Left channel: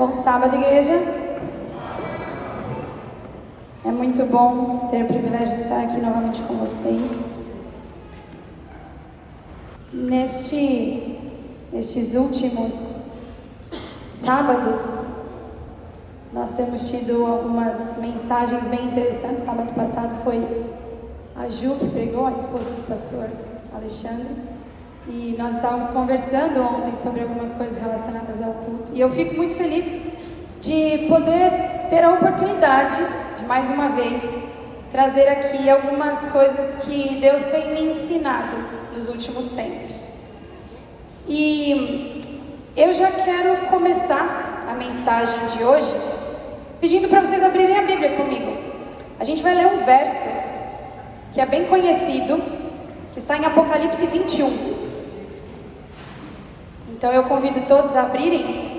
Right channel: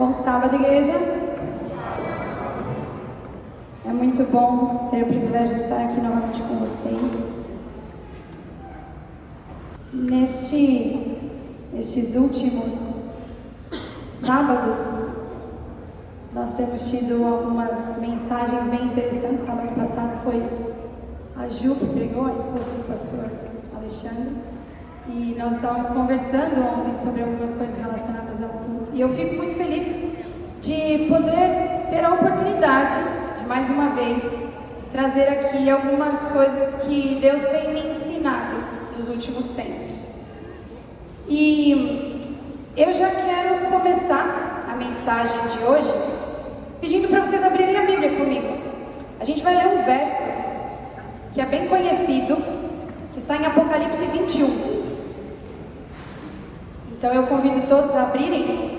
Bom sábado, igreja. É muito bom ter o privilégio de estar aqui novamente com vocês. Nestes últimos sábados, nós temos tido algumas mensagens bem interessantes. Sábado passado foi a Ju que pregou, a esposa do pastor Alexandre. E nós estávamos conversando ontem sobre algumas coisas relacionadas ao culto. E eu fico muito feliz de poder ter a oportunidade de, mais uma vez, trazer aqui algumas coisas que Deus tem me ensinado nos últimos tempos. E eu já quero começar a mensagem de hoje pedindo para vocês abrirem a Bíblia comigo. A gente vai ler um verso que é bem conhecido, que está em Apocalipse 21. Então eu convido todos a abrirem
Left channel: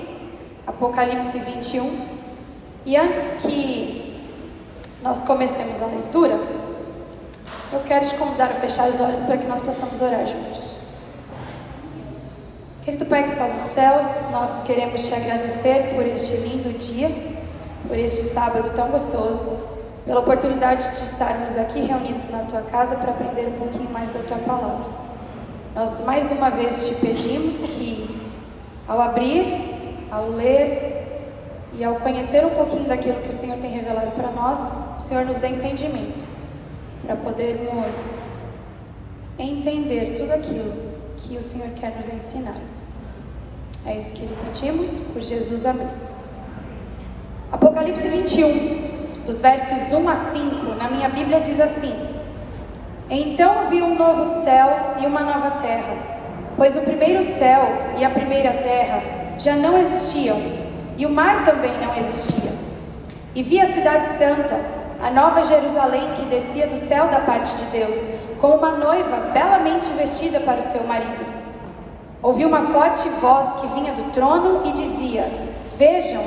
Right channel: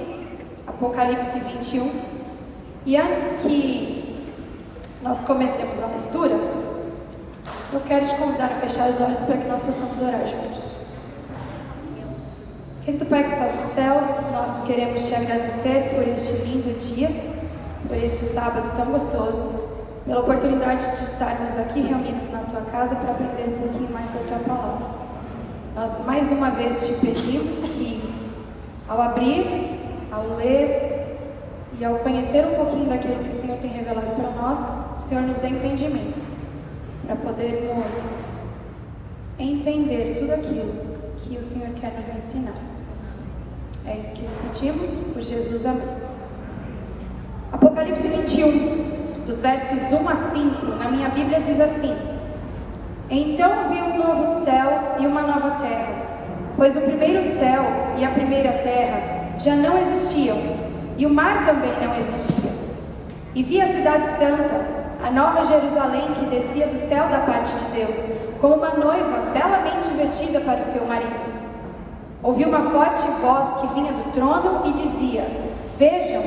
Apocalipse 21. E antes que nós comecemos a leitura, eu quero te convidar a fechar os olhos para que nós possamos orar juntos. Querido Pai que estás nos céus, nós queremos te agradecer por este lindo dia, por este sábado tão gostoso, pela oportunidade de estarmos aqui reunidos na tua casa para aprender um pouquinho mais da tua palavra. Nós mais uma vez te pedimos que, ao abrir, ao ler e ao conhecer um pouquinho daquilo que o Senhor tem revelado para nós, o Senhor nos dê entendimento para podermos entender tudo aquilo que o Senhor quer nos ensinar. É isso que pedimos, por Jesus, amém. Apocalipse 21, dos versos 1 a 5, na minha Bíblia diz assim: Então vi um novo céu e uma nova terra, pois o primeiro céu e a primeira terra já não existiam, e o mar também não existia. E vi a cidade santa, a nova Jerusalém, que descia do céu da parte de Deus, com uma noiva belamente vestida para o seu marido. Ouvi uma forte voz que vinha do trono e dizia: Vejam,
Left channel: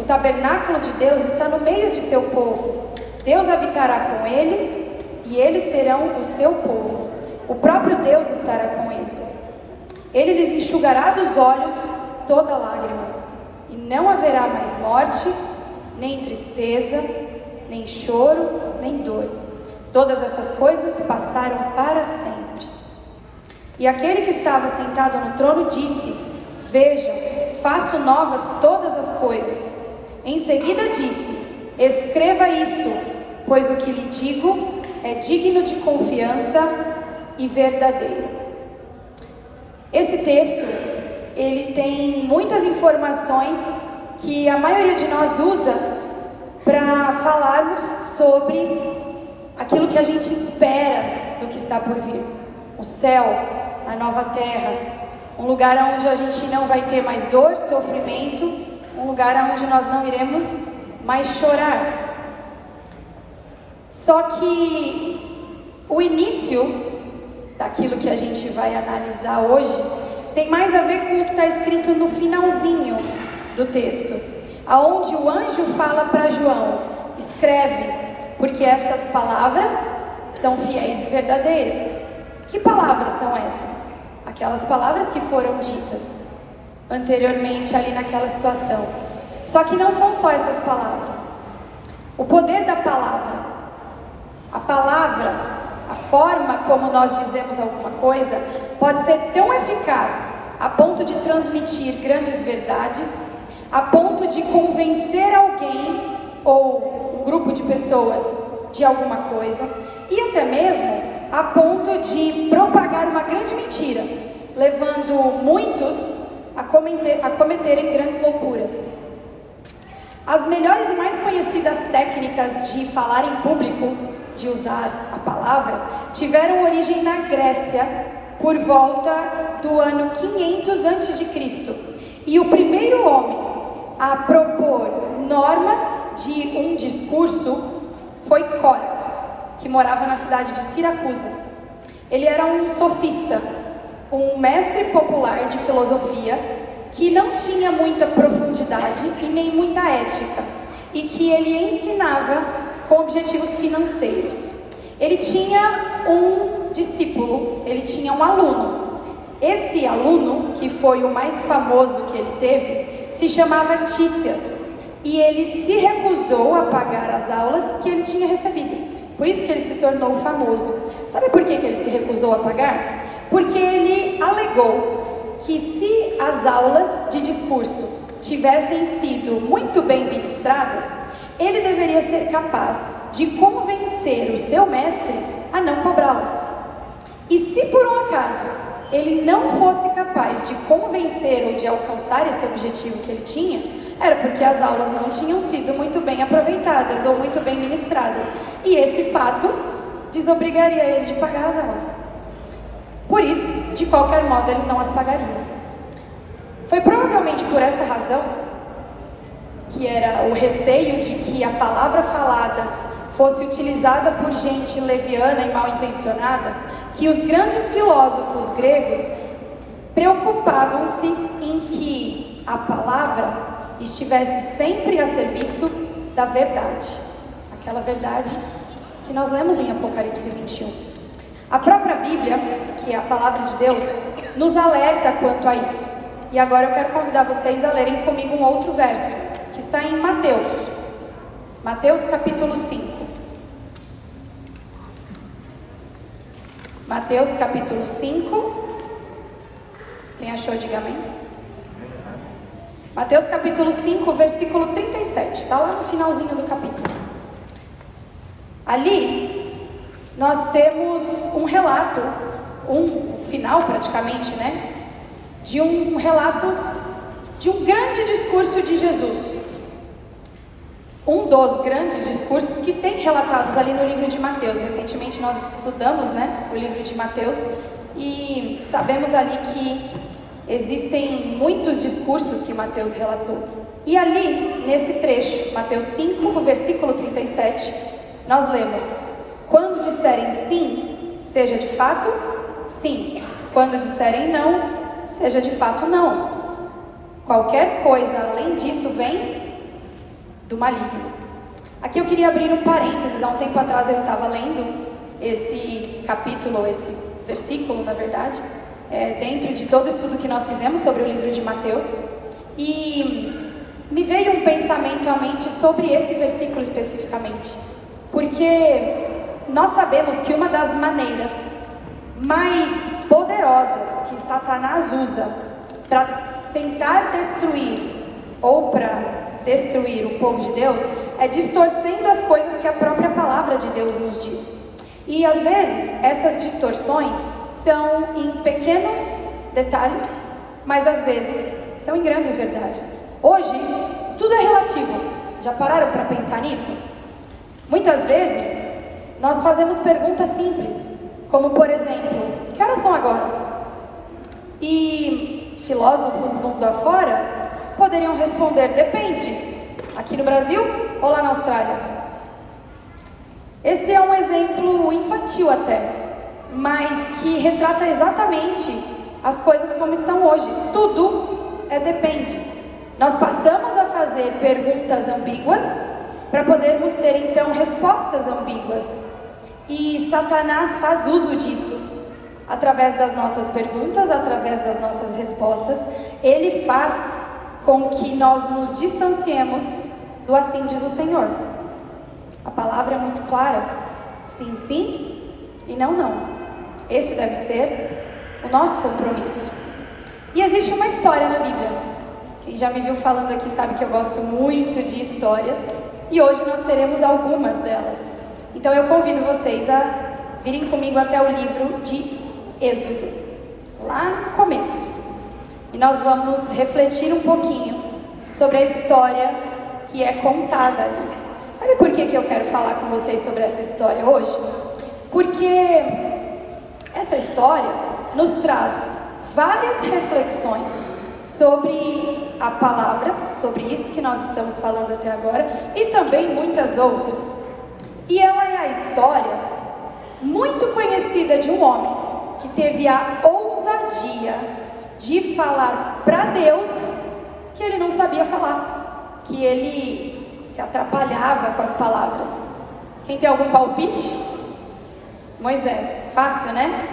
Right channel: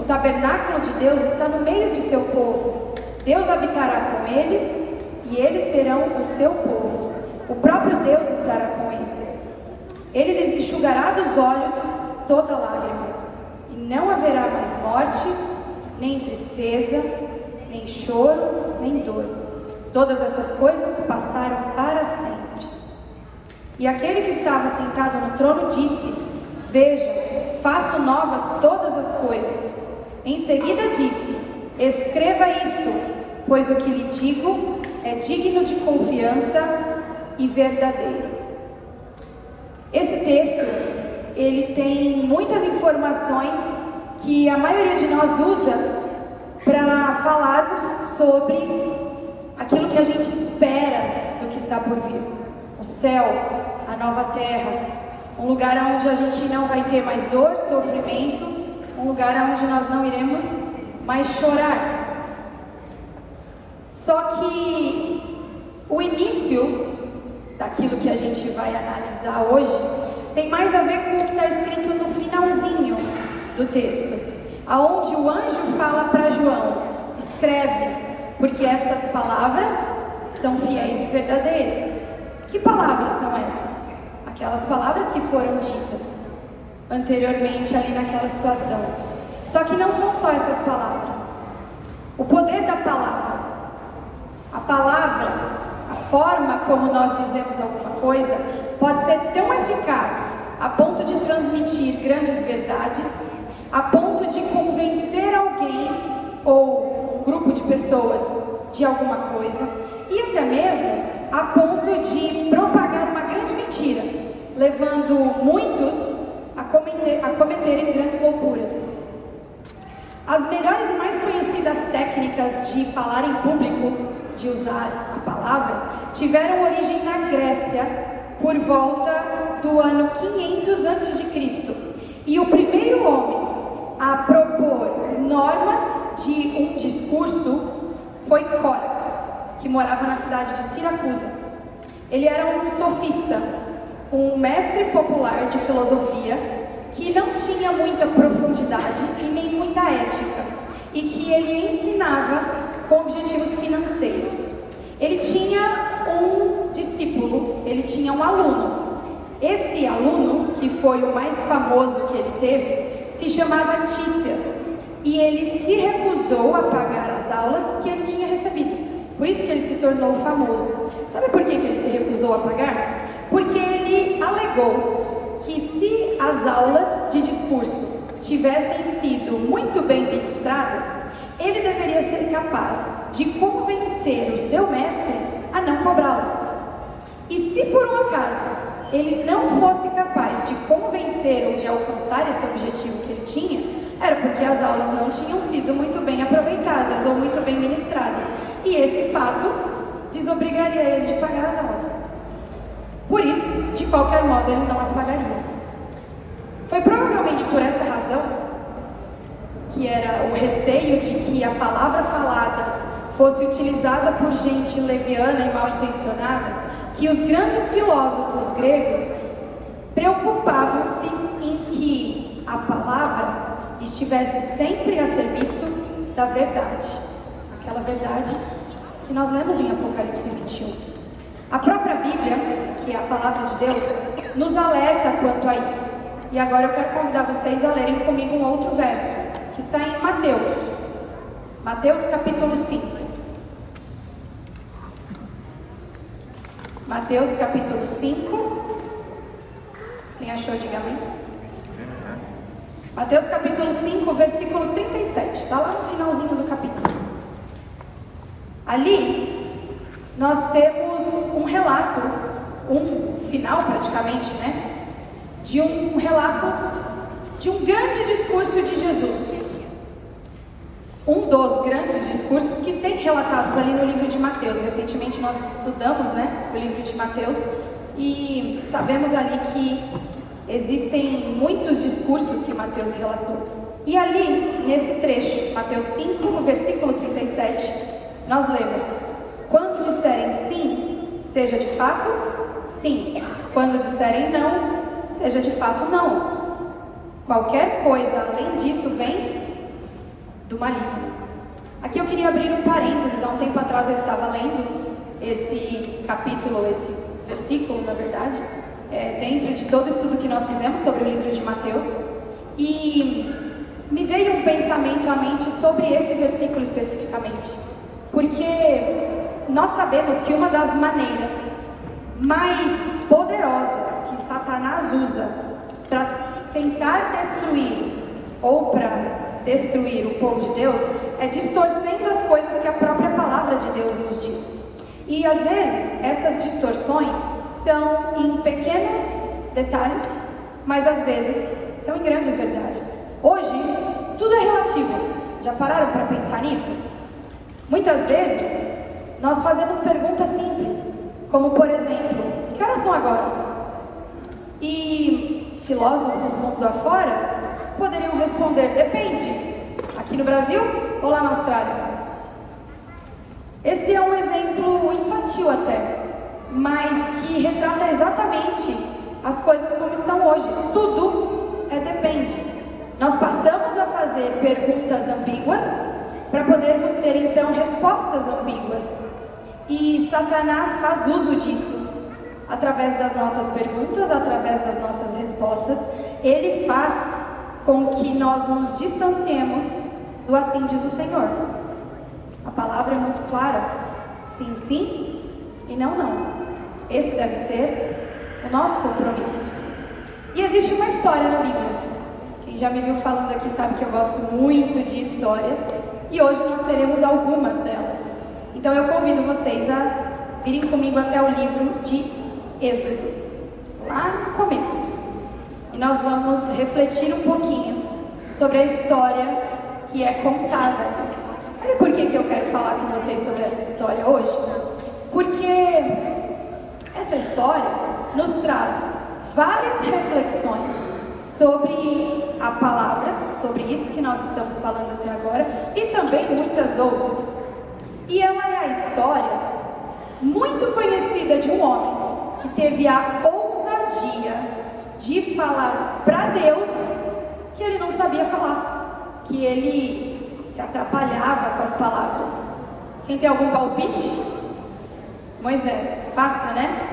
o tabernáculo de Deus está no meio de seu povo. Deus habitará com eles, e eles serão o seu povo. O próprio Deus estará com eles. Ele lhes enxugará dos olhos toda lágrima, e não haverá mais morte, nem tristeza, nem choro, nem dor. Todas essas coisas passaram para sempre. E aquele que estava sentado no trono disse: Veja, faço novas todas as coisas. Em seguida disse: Escreva isso, pois o que lhe digo é digno de confiança e verdadeiro. Esse texto, ele tem muitas informações que a maioria de nós usa para falarmos sobre aquilo que a gente espera do que está por vir. O céu, a nova terra, um lugar onde a gente não vai ter mais dor, sofrimento, um lugar onde nós não iremos mais chorar. Só que o início daquilo que a gente vai analisar hoje tem mais a ver com o que está escrito no finalzinho do texto, aonde o anjo fala para João: escreve, porque estas palavras são fiéis e verdadeiras. Que palavras são essas? Aquelas palavras que foram ditas anteriormente ali naquela situação. Só que não são só essas palavras. O poder da palavra, a palavra, a forma como nós dizemos alguma coisa, pode ser tão eficaz a ponto de transmitir grandes verdades, a ponto de convencer alguém ou um grupo de pessoas de alguma coisa, e até mesmo a ponto de propagar uma grande mentira, levando muitos a cometerem grandes loucuras. As melhores e mais conhecidas técnicas de falar em público, de usar a palavra, tiveram origem na Grécia por volta do ano 500 a.C. E o primeiro homem a propor normas de um discurso foi Córax, que morava na cidade de Siracusa. Ele era um sofista, um mestre popular de filosofia, que não tinha muita profundidade e nem muita ética, e que ele ensinava com objetivos financeiros. Ele tinha um discípulo, ele tinha um aluno. Esse aluno, que foi o mais famoso que ele teve, se chamava Tícias, e ele se recusou a pagar as aulas que ele tinha recebido. Por isso que ele se tornou famoso. Sabe por que ele se recusou a pagar? Porque ele alegou que se as aulas de discurso tivessem sido muito bem ministradas, ele deveria ser capaz de convencer o seu mestre a não cobrá-las. E se por um acaso ele não fosse capaz de convencer-o de alcançar esse objetivo que ele tinha, era porque as aulas não tinham sido muito bem aproveitadas ou muito bem ministradas. E esse fato desobrigaria ele de pagar as aulas. Por isso, de qualquer modo, ele não as pagaria. Foi provavelmente por essa razão, que era o receio de que a palavra falada fosse utilizada por gente leviana e mal intencionada, que os grandes filósofos gregos preocupavam-se em que a palavra estivesse sempre a serviço da verdade, aquela verdade que nós lemos em Apocalipse 21. A própria Bíblia, que é a palavra de Deus, nos alerta quanto a isso. E agora eu quero convidar vocês a lerem comigo um outro verso, que está em Mateus. Mateus capítulo 5. Mateus capítulo 5. Quem achou, diga amém. Mateus capítulo 5, versículo 37. Está lá no finalzinho do capítulo. Ali, nós temos um relato, um final praticamente, né? De um relato de um grande discurso de Jesus. Um dos grandes discursos que tem relatados ali no livro de Mateus. Recentemente nós estudamos, né, o livro de Mateus e sabemos ali que existem muitos discursos que Mateus relatou. E ali, nesse trecho, Mateus 5, no versículo 37, nós lemos: quando disserem sim, seja de fato sim. Quando disserem não, seja de fato não. Qualquer coisa além disso vem do maligno. Aqui eu queria abrir um parênteses. Há um tempo atrás eu estava lendo esse capítulo, esse versículo, na verdade, dentro de todo o estudo que nós fizemos sobre o livro de Mateus, e me veio um pensamento à mente sobre esse versículo especificamente, porque nós sabemos que uma das maneiras mais poderosas que Satanás usa para tentar destruir ou para destruir o povo de Deus é distorcendo as coisas que a própria palavra de Deus nos diz. E às vezes essas distorções são em pequenos detalhes, mas às vezes são em grandes verdades. Hoje, tudo é relativo. Já pararam para pensar nisso? Muitas vezes, nós fazemos perguntas simples, como por exemplo: que horas são agora? E filósofos mundo afora poderiam responder: depende, aqui no Brasil ou lá na Austrália? Esse é um exemplo infantil até, mas que retrata exatamente as coisas como estão hoje. Tudo depende. Nós passamos a fazer perguntas ambíguas para podermos ter então respostas ambíguas. E Satanás faz uso disso. Através das nossas perguntas, através das nossas respostas, ele faz com que nós nos distanciemos do assim diz o Senhor. A palavra é muito clara: sim, sim e não, não. Esse deve ser o nosso compromisso. E existe uma história na Bíblia. Quem já me viu falando aqui sabe que eu gosto muito de histórias, e hoje nós teremos algumas delas. Então eu convido vocês a virem comigo até o livro de Êxodo, lá no começo. E nós vamos refletir um pouquinho sobre a história que é contada ali. Sabe por que eu quero falar com vocês sobre essa história hoje? Porque essa história nos traz várias reflexões sobre a palavra, sobre isso que nós estamos falando até agora, e também muitas outras. E ela é a história muito conhecida de um homem que teve a ousadia de falar para Deus que ele não sabia falar, que ele se atrapalhava com as palavras. Quem tem algum palpite? Moisés. Fácil, né?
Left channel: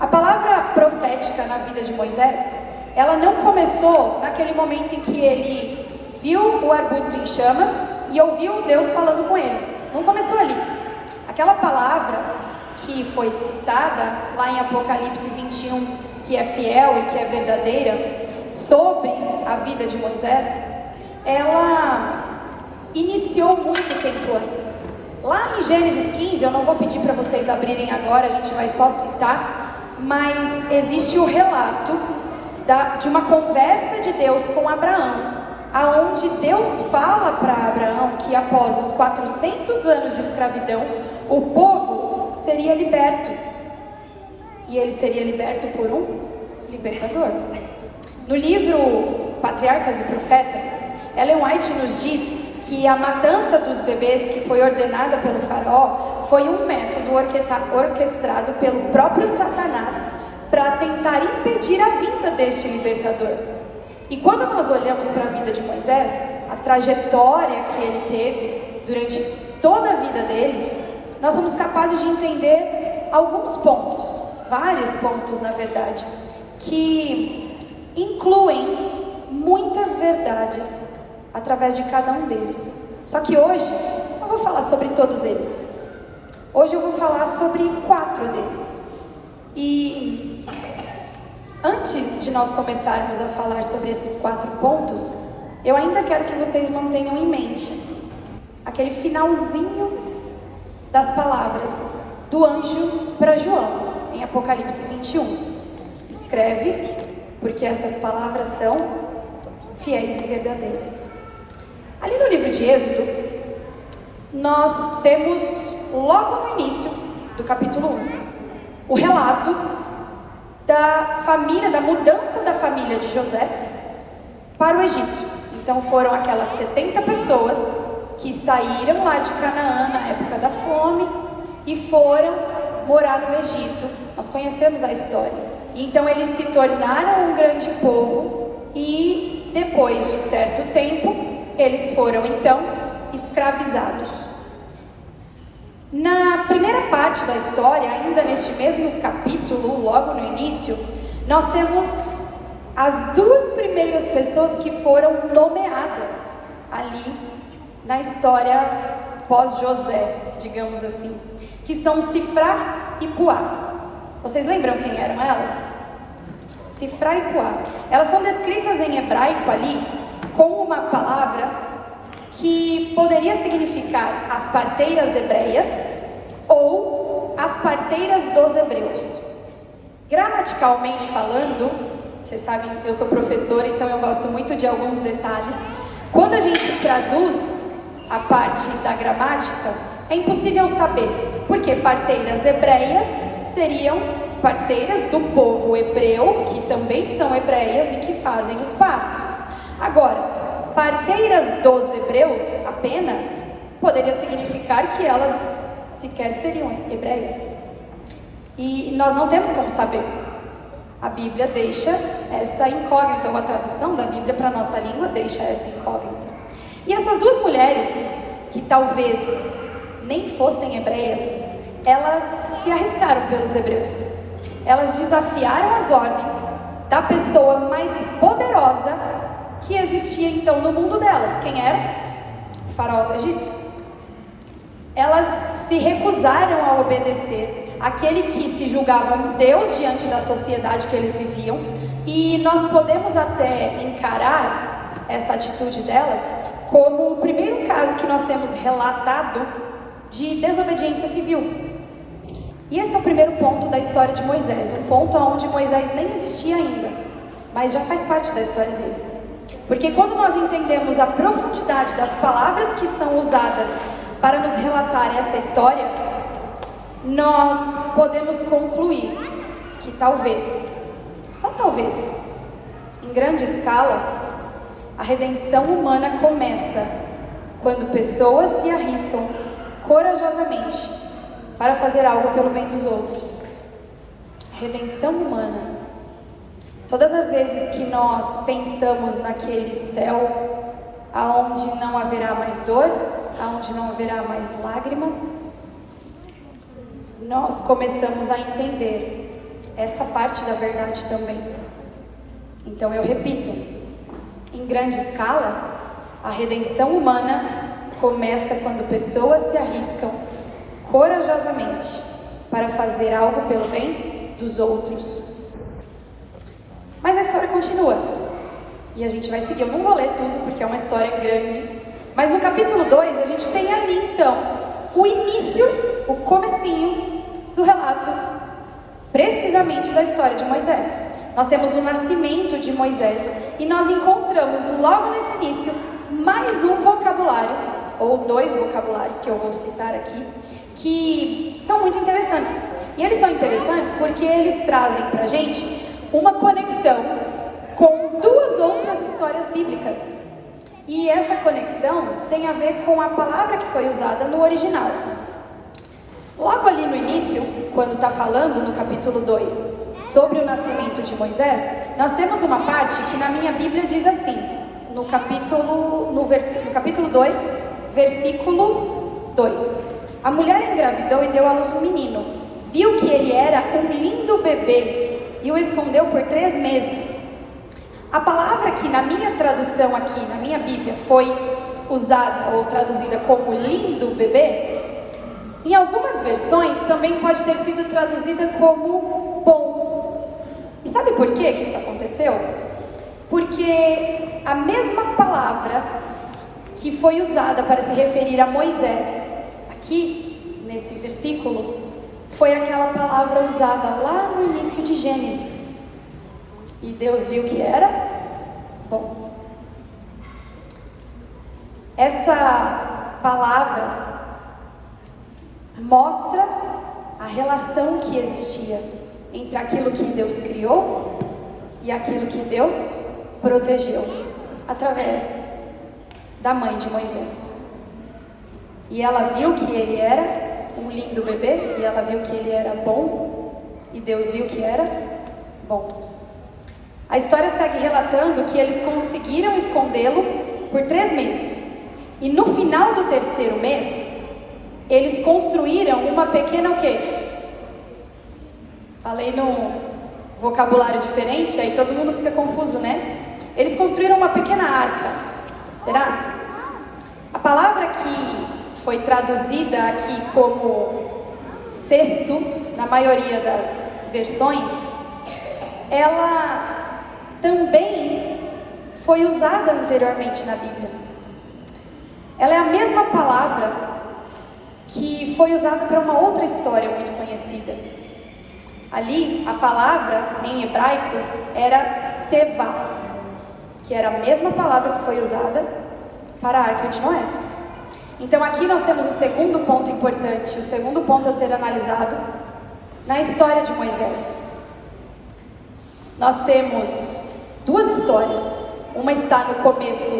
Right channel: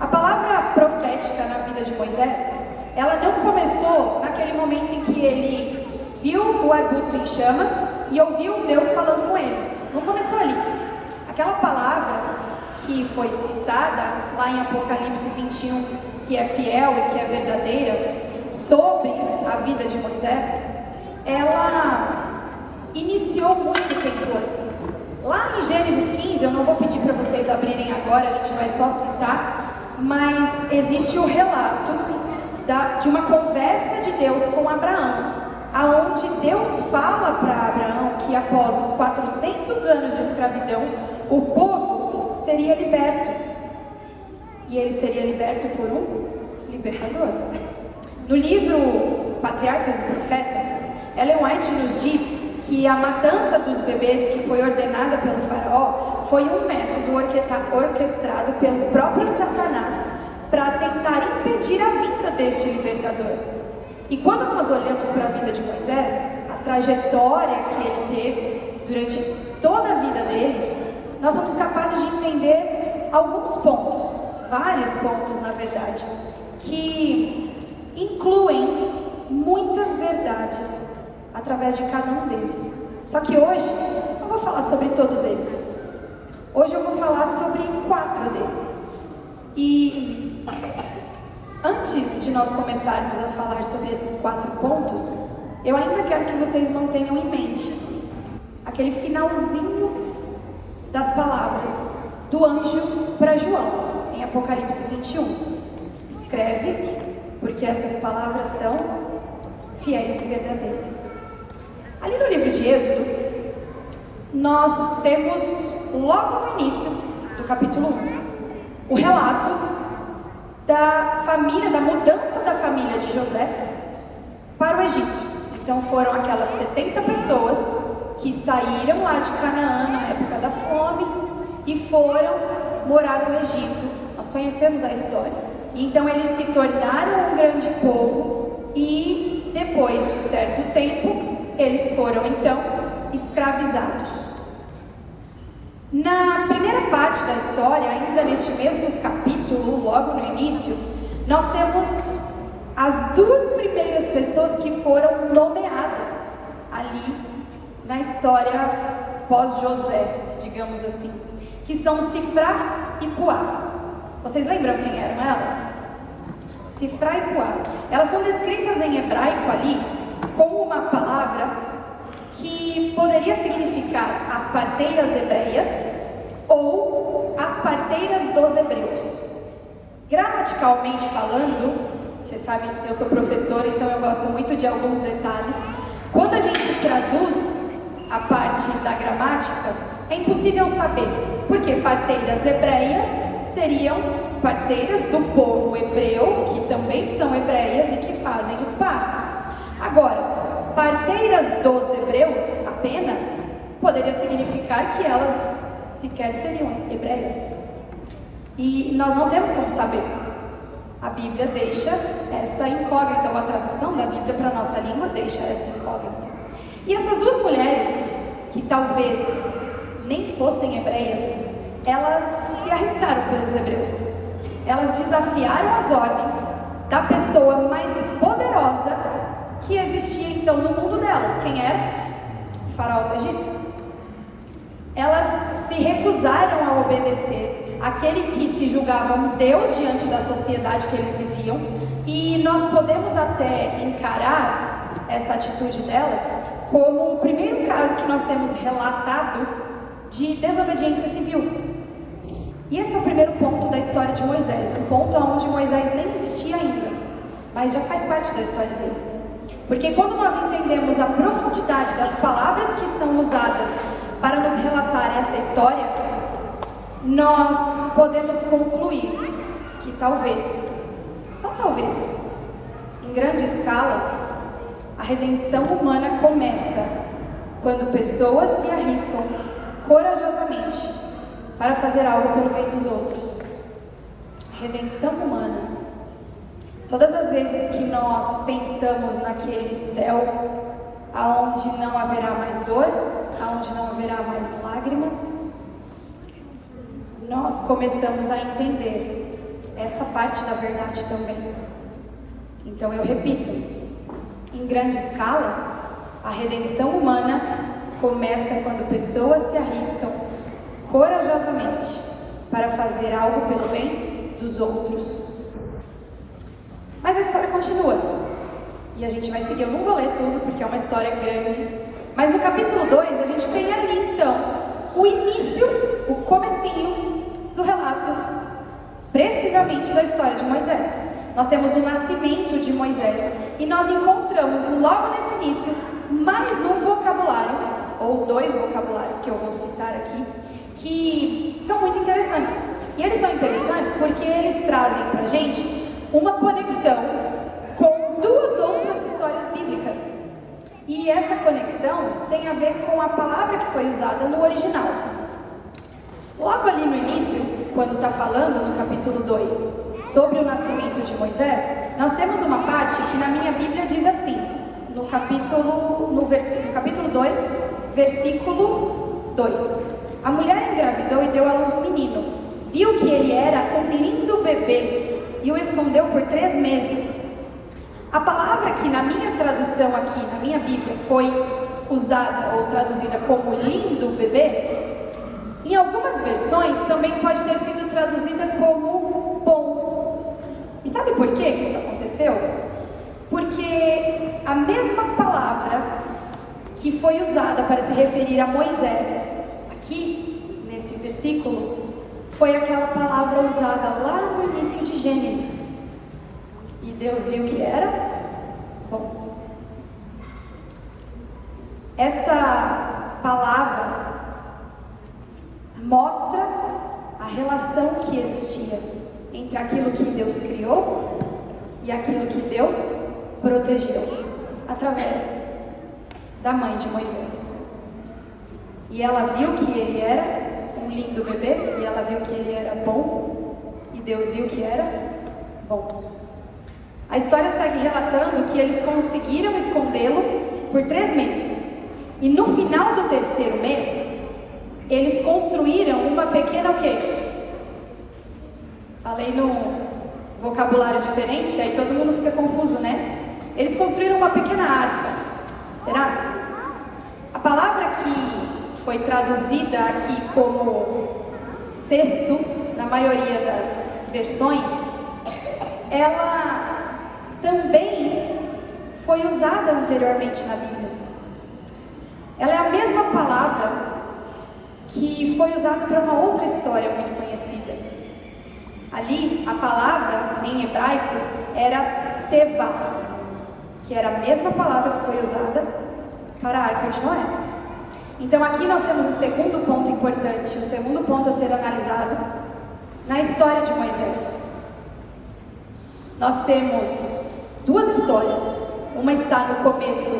A palavra profética na vida de Moisés, ela não começou naquele momento em que ele viu o arbusto em chamas e ouviu Deus falando com ele. Não começou ali. Aquela palavra que foi citada lá em Apocalipse 21, que é fiel e que é verdadeira, sobre a vida de Moisés, ela iniciou muito tempo antes. Lá em Gênesis 15, eu não vou pedir para vocês abrirem agora, a gente vai só citar, mas existe o relato de uma conversa de Deus com Abraão, aonde Deus fala para Abraão que após os 400 anos de escravidão, o povo seria liberto. E ele seria liberto por um libertador. No livro Patriarcas e Profetas, Ellen White nos diz que a matança dos bebês que foi ordenada pelo faraó foi um método orquestrado pelo próprio Satanás para tentar impedir a vinda deste libertador. E quando nós olhamos para a vida de Moisés, a trajetória que ele teve durante toda a vida dele, nós somos capazes de entender alguns pontos, vários pontos na verdade, que incluem muitas verdades através de cada um deles. Só que hoje eu não vou falar sobre todos eles. Hoje eu vou falar sobre 4 deles. E antes de nós começarmos a falar sobre esses 4 pontos, eu ainda quero que vocês mantenham em mente aquele finalzinho das palavras do anjo para João, em Apocalipse 21. Escreve, porque essas palavras são fiéis e verdadeiras. Ali no livro de Êxodo, nós temos logo no início do capítulo 1, o relato da família, da mudança da família de José para o Egito. Então foram aquelas 70 pessoas que saíram lá de Canaã na época da fome e foram morar no Egito. Nós conhecemos a história. Então eles se tornaram um grande povo e depois de certo tempo eles foram então escravizados. Na primeira parte da história, ainda neste mesmo capítulo, logo no início, nós temos as 2 primeiras pessoas que foram nomeadas ali na história pós-José, digamos assim, que são Sifrá e Puá. Vocês lembram quem eram elas? Sifrá e Puá. Elas são descritas em hebraico ali com uma palavra que poderia significar as parteiras hebreias ou as parteiras dos hebreus. Gramaticalmente falando, vocês sabem, eu sou professora, então eu gosto muito de alguns detalhes. Quando a gente traduz a parte da gramática, é impossível saber, porque parteiras hebreias seriam parteiras do povo hebreu, que também são hebreias e que fazem os partos. Agora, parteiras dos hebreus apenas poderia significar que elas sequer seriam hebreias. E nós não temos como saber. A Bíblia deixa essa incógnita, ou a tradução da Bíblia para a nossa língua deixa essa incógnita. E essas 2 mulheres, que talvez nem fossem hebreias, elas se arriscaram pelos hebreus. Elas desafiaram as ordens da pessoa mais poderosa que existia então no mundo delas. Quem era? O faraó do Egito. Elas se recusaram a obedecer aquele que se julgava um Deus diante da sociedade que eles viviam. E nós podemos até encarar essa atitude delas como o primeiro caso que nós temos relatado de desobediência civil. E esse é o primeiro ponto da história de Moisés, um ponto onde Moisés nem existia ainda, mas já faz parte da história dele. Porque quando nós entendemos a profundidade das palavras que são usadas para nos relatar essa história, nós podemos concluir que talvez, só talvez, em grande escala, a redenção humana começa quando pessoas se arriscam corajosamente para fazer algo pelo bem dos outros. Redenção humana. Todas as vezes que nós pensamos naquele céu aonde não haverá mais dor, aonde não haverá mais lágrimas, nós começamos a entender essa parte da verdade também. Então eu repito, em grande escala, a redenção humana começa quando pessoas se arriscam corajosamente para fazer algo pelo bem dos outros. Mas a história continua. E a gente vai seguir, eu não vou ler tudo porque é uma história grande. Mas no capítulo 2 a gente tem ali então o início, o comecinho do relato, precisamente da história de Moisés. Nós temos o nascimento de Moisés e nós encontramos logo nesse início mais um vocabulário, ou 2 vocabulários que eu vou citar aqui, que são muito interessantes. E eles são interessantes porque eles trazem pra gente uma conexão com 2 outras histórias bíblicas. E essa conexão tem a ver com a palavra que foi usada no original. Logo ali no início, quando está falando no capítulo 2 sobre o nascimento de Moisés, nós temos uma parte que na minha Bíblia diz assim, no capítulo 2, versículo 2. A mulher engravidou e deu à luz um menino. Viu que ele era um lindo bebê e o escondeu por 3 meses. A palavra que na minha tradução aqui, na minha Bíblia, foi usada ou traduzida como lindo bebê, em algumas versões também pode ter sido traduzida como bom. E sabe por que isso aconteceu? Porque a mesma palavra que foi usada para se referir a Moisés, aqui nesse versículo, foi aquela palavra usada lá no início de Gênesis. E Deus viu que era bom. Essa palavra mostra a relação que existia entre aquilo que Deus criou e aquilo que Deus protegeu através da mãe de Moisés. E ela viu que ele era um lindo bebê, e ela viu que ele era bom, e Deus viu que era bom. A história segue relatando que eles conseguiram escondê-lo por 3 meses. E no final do 3º mês, eles construíram uma pequena o quê? Falei num vocabulário diferente, aí todo mundo fica confuso, né? Eles construíram uma pequena arca. Será? A palavra que foi traduzida aqui como cesto, na maioria das versões, ela também foi usada anteriormente na Bíblia. Ela é a mesma palavra que foi usada para uma outra história muito conhecida. Ali, a palavra em hebraico era tevá, que era a mesma palavra que foi usada para a Arca de Noé. Então aqui nós temos o segundo ponto importante, o segundo ponto a ser analisado na história de Moisés. Nós temos 2 histórias. Uma está no começo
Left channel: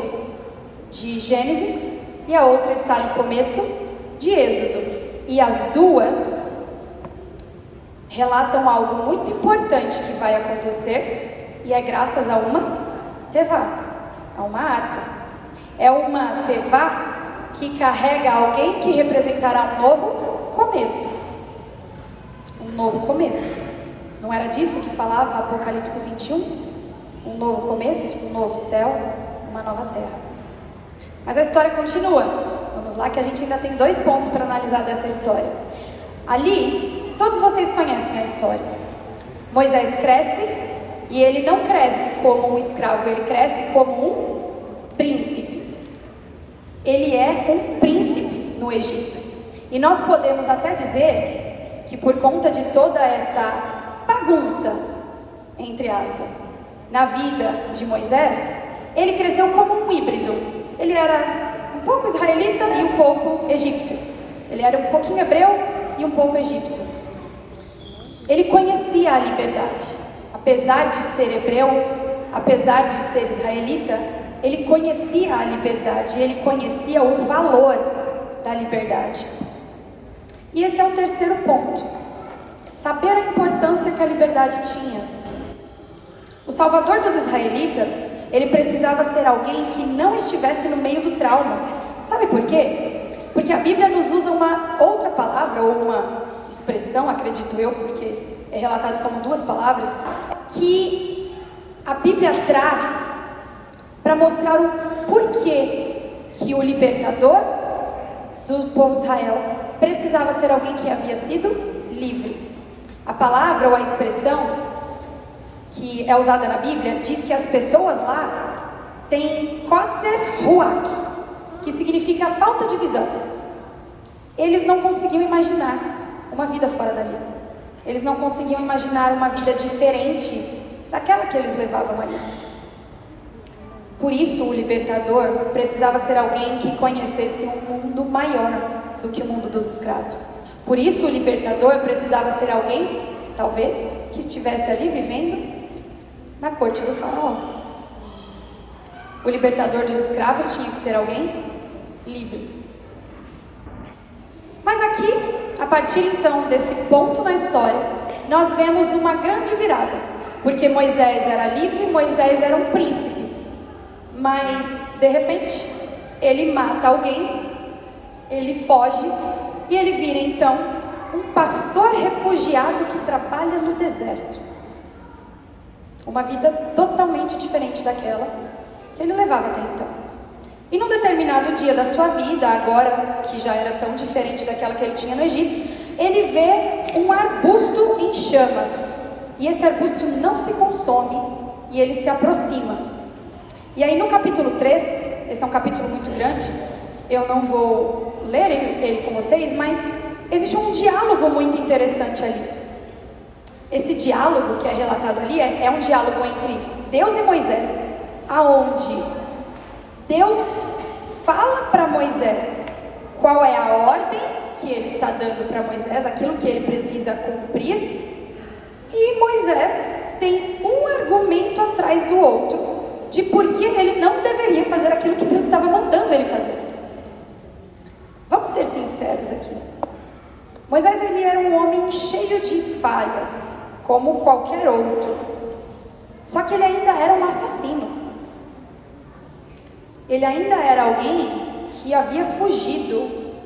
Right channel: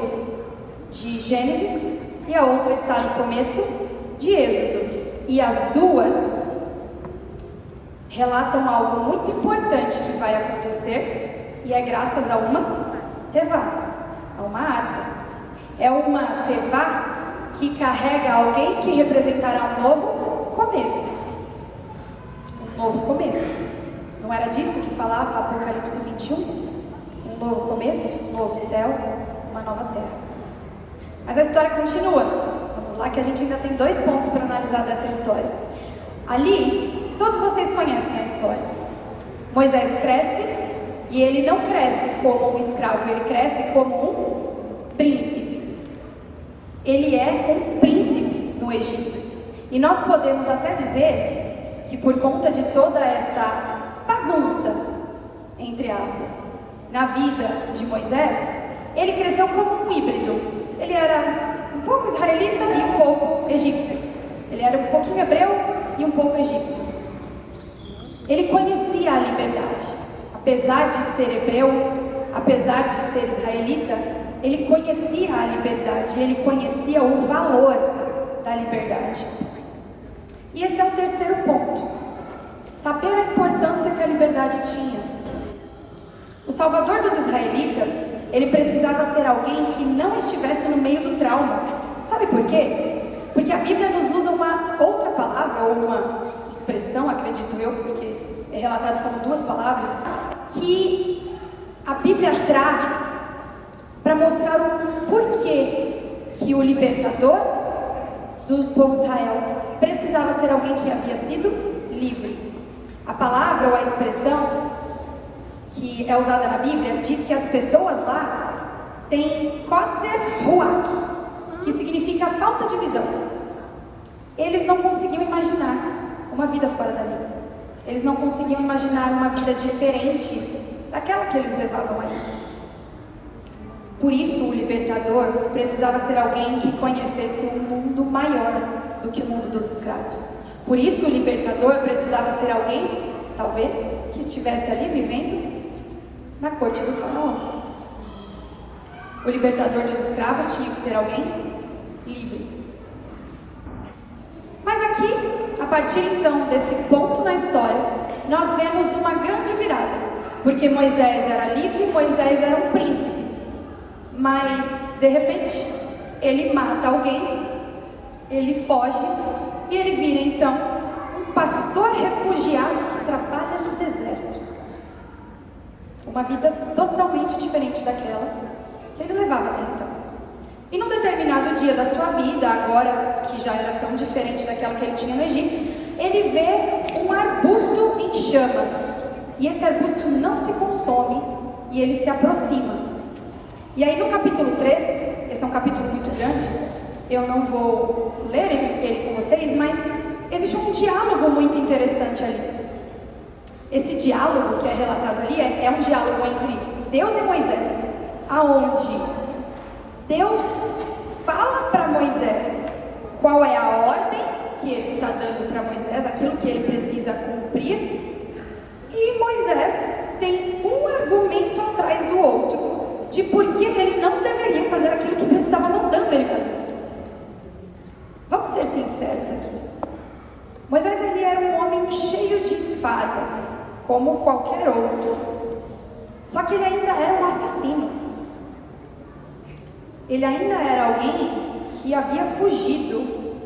de Gênesis e a outra está no começo de Êxodo. E as 2 relatam algo muito importante que vai acontecer, e é graças a uma tevá, a uma arca. É uma tevá que carrega alguém que representará um novo começo. Um novo começo. Não era disso que falava Apocalipse 21? Um novo começo, um novo céu, uma nova terra. Mas a história continua. Vamos lá que a gente ainda tem 2 pontos para analisar dessa história. Ali, todos vocês conhecem a história. Moisés cresce e ele não cresce como um escravo, ele cresce como um príncipe. Ele é um príncipe no Egito. E nós podemos até dizer que por conta de toda essa bagunça, entre aspas, na vida de Moisés, ele cresceu como um híbrido. Ele era um pouco israelita e um pouco egípcio. Ele era um pouquinho hebreu e um pouco egípcio. Ele conhecia a liberdade. Apesar de ser hebreu, apesar de ser israelita, ele conhecia a liberdade, ele conhecia o valor da liberdade. E esse é o terceiro ponto. Saber a importância que a liberdade tinha. O salvador dos israelitas, ele precisava ser alguém que não estivesse no meio do trauma. Sabe por quê? Porque a Bíblia nos usa uma outra palavra, ou uma expressão, acredito eu, porque é relatado como 2 palavras, que a Bíblia traz para mostrar o porquê que o libertador do povo de Israel precisava ser alguém que havia sido livre. A palavra ou a expressão que é usada na Bíblia diz que as pessoas lá têm Kotzer Ruach, que significa falta de visão. Eles não conseguiam imaginar uma vida fora dali. Eles não conseguiam imaginar uma vida diferente daquela que eles levavam ali. Por isso o libertador precisava ser alguém que conhecesse um mundo maior do que o mundo dos escravos. Por isso o libertador precisava ser alguém, talvez, que estivesse ali vivendo na corte do faraó. O libertador dos escravos tinha que ser alguém livre. Mas aqui, a partir então desse ponto na história, nós vemos uma grande virada. Porque Moisés era livre, Moisés era um príncipe. Mas, de repente, ele mata alguém, ele foge e ele vira então um pastor refugiado que trabalha no deserto. Uma vida totalmente diferente daquela que ele levava até então. E num determinado dia da sua vida, agora que já era tão diferente daquela que ele tinha no Egito, ele vê um arbusto em chamas. E esse arbusto não se consome e ele se aproxima. E aí no capítulo 3, esse é um capítulo muito grande, eu não vou ler ele com vocês, mas existe um diálogo muito interessante ali. Esse diálogo que é relatado ali é um diálogo entre Deus e Moisés, aonde Deus fala para Moisés qual é a ordem que ele está dando para Moisés, aquilo que ele precisa cumprir, e Moisés tem um argumento atrás do outro de por que ele não deveria fazer aquilo que Deus estava mandando ele fazer. Vamos ser sinceros aqui. Moisés, ele era um homem cheio de falhas, como qualquer outro. Só que ele ainda era um assassino. Ele ainda era alguém que havia fugido.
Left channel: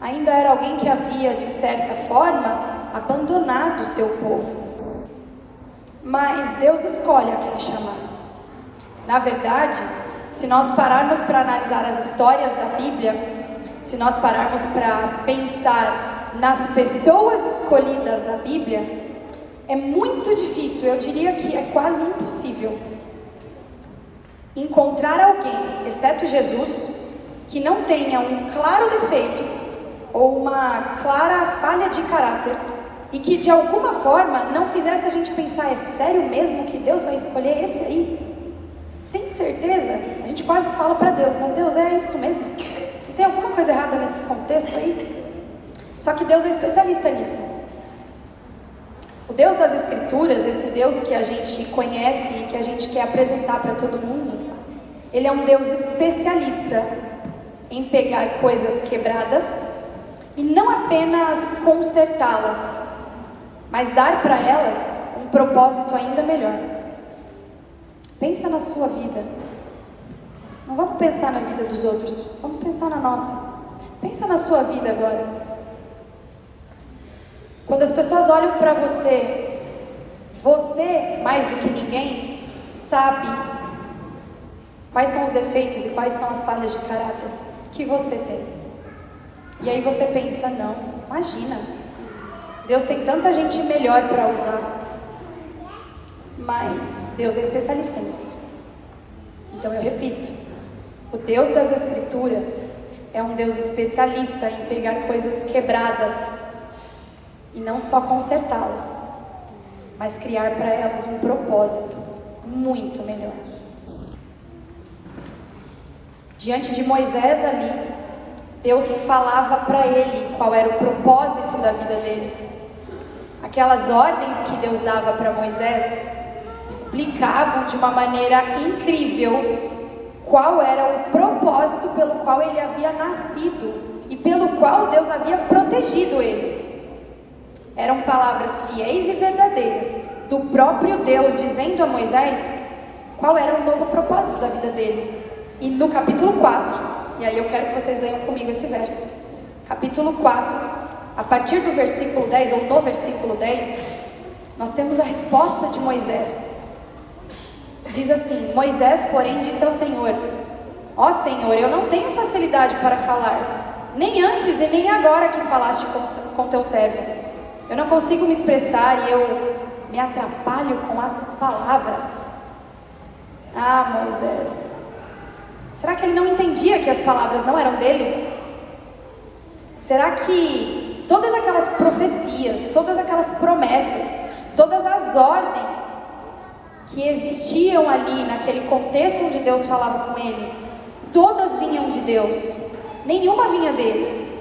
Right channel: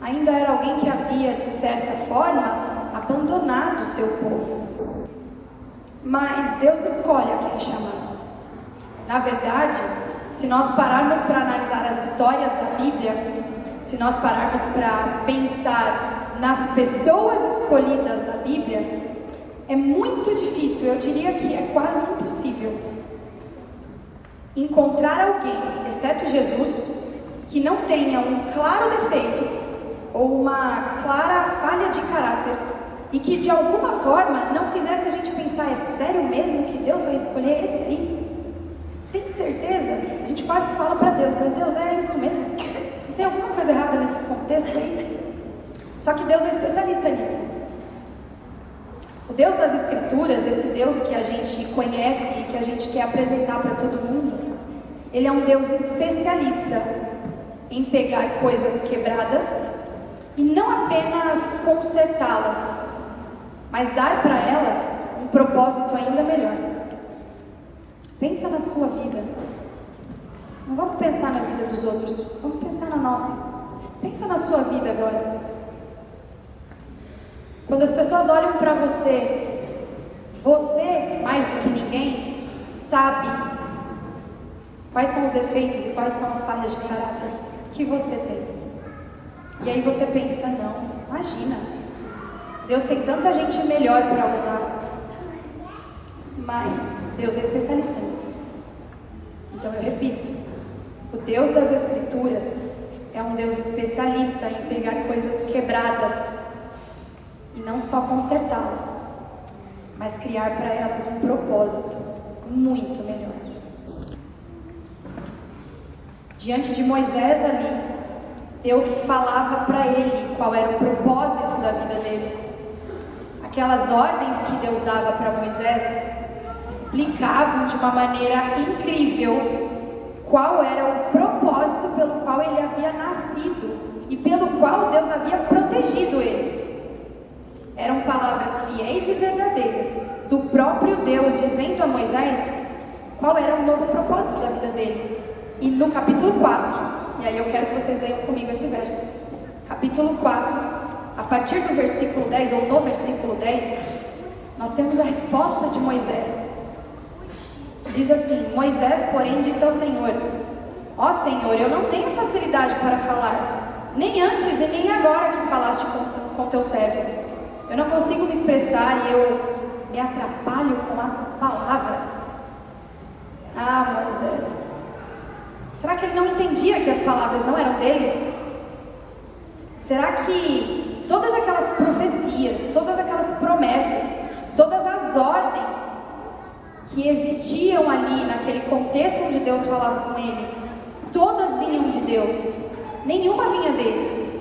Ainda era alguém que havia, de certa forma, abandonado o seu povo. Mas Deus escolhe a quem chamar. Na verdade, se nós pararmos para analisar as histórias da Bíblia, se nós pararmos para pensar nas pessoas escolhidas da Bíblia, é muito difícil, eu diria que é quase impossível, encontrar alguém, exceto Jesus, que não tenha um claro defeito ou uma clara falha de caráter e que de alguma forma não fizesse a gente pensar: é sério mesmo que Deus vai escolher esse aí? Tem certeza? A gente quase fala para Deus: meu Deus, é isso mesmo? Não tem alguma coisa errada nesse contexto aí? Só que Deus é especialista nisso. O Deus das Escrituras, esse Deus que a gente conhece e que a gente quer apresentar para todo mundo, ele é um Deus especialista em pegar coisas quebradas e não apenas consertá-las, mas dar para elas um propósito ainda melhor. Pensa na sua vida. Não vamos pensar na vida dos outros, vamos pensar na nossa. Pensa na sua vida agora. Quando as pessoas olham para você, você, mais do que ninguém, sabe quais são os defeitos e quais são as falhas de caráter que você tem. E aí você pensa: não, imagina, Deus tem tanta gente melhor para usar. Mas Deus é especialista nisso. Então eu repito, o Deus das Escrituras é um Deus especialista em pegar coisas quebradas e não só consertá-las, mas criar para elas um propósito muito melhor. Diante de Moisés ali, Deus falava para ele qual era o propósito da vida dele. Aquelas ordens que Deus dava para Moisés explicavam de uma maneira incrível qual era o propósito pelo qual ele havia nascido e pelo qual Deus havia protegido ele. Eram palavras fiéis e verdadeiras do próprio Deus dizendo a Moisés qual era o novo propósito da vida dele. E no capítulo 4, e aí eu quero que vocês leiam comigo esse verso, capítulo 4, a partir do versículo 10, ou no versículo 10, nós temos a resposta de Moisés. diz assim: Moisés, porém, disse ao Senhor: ó Senhor, eu não tenho facilidade para falar, nem antes e nem agora que falaste com teu servo. Eu não consigo me expressar e eu me atrapalho com as palavras. Ah, Moisés, será que ele não entendia que as palavras não eram dele? Será que todas aquelas profecias, todas aquelas promessas, todas as ordens que existiam ali naquele contexto onde Deus falava com ele, todas vinham de Deus, nenhuma vinha dele?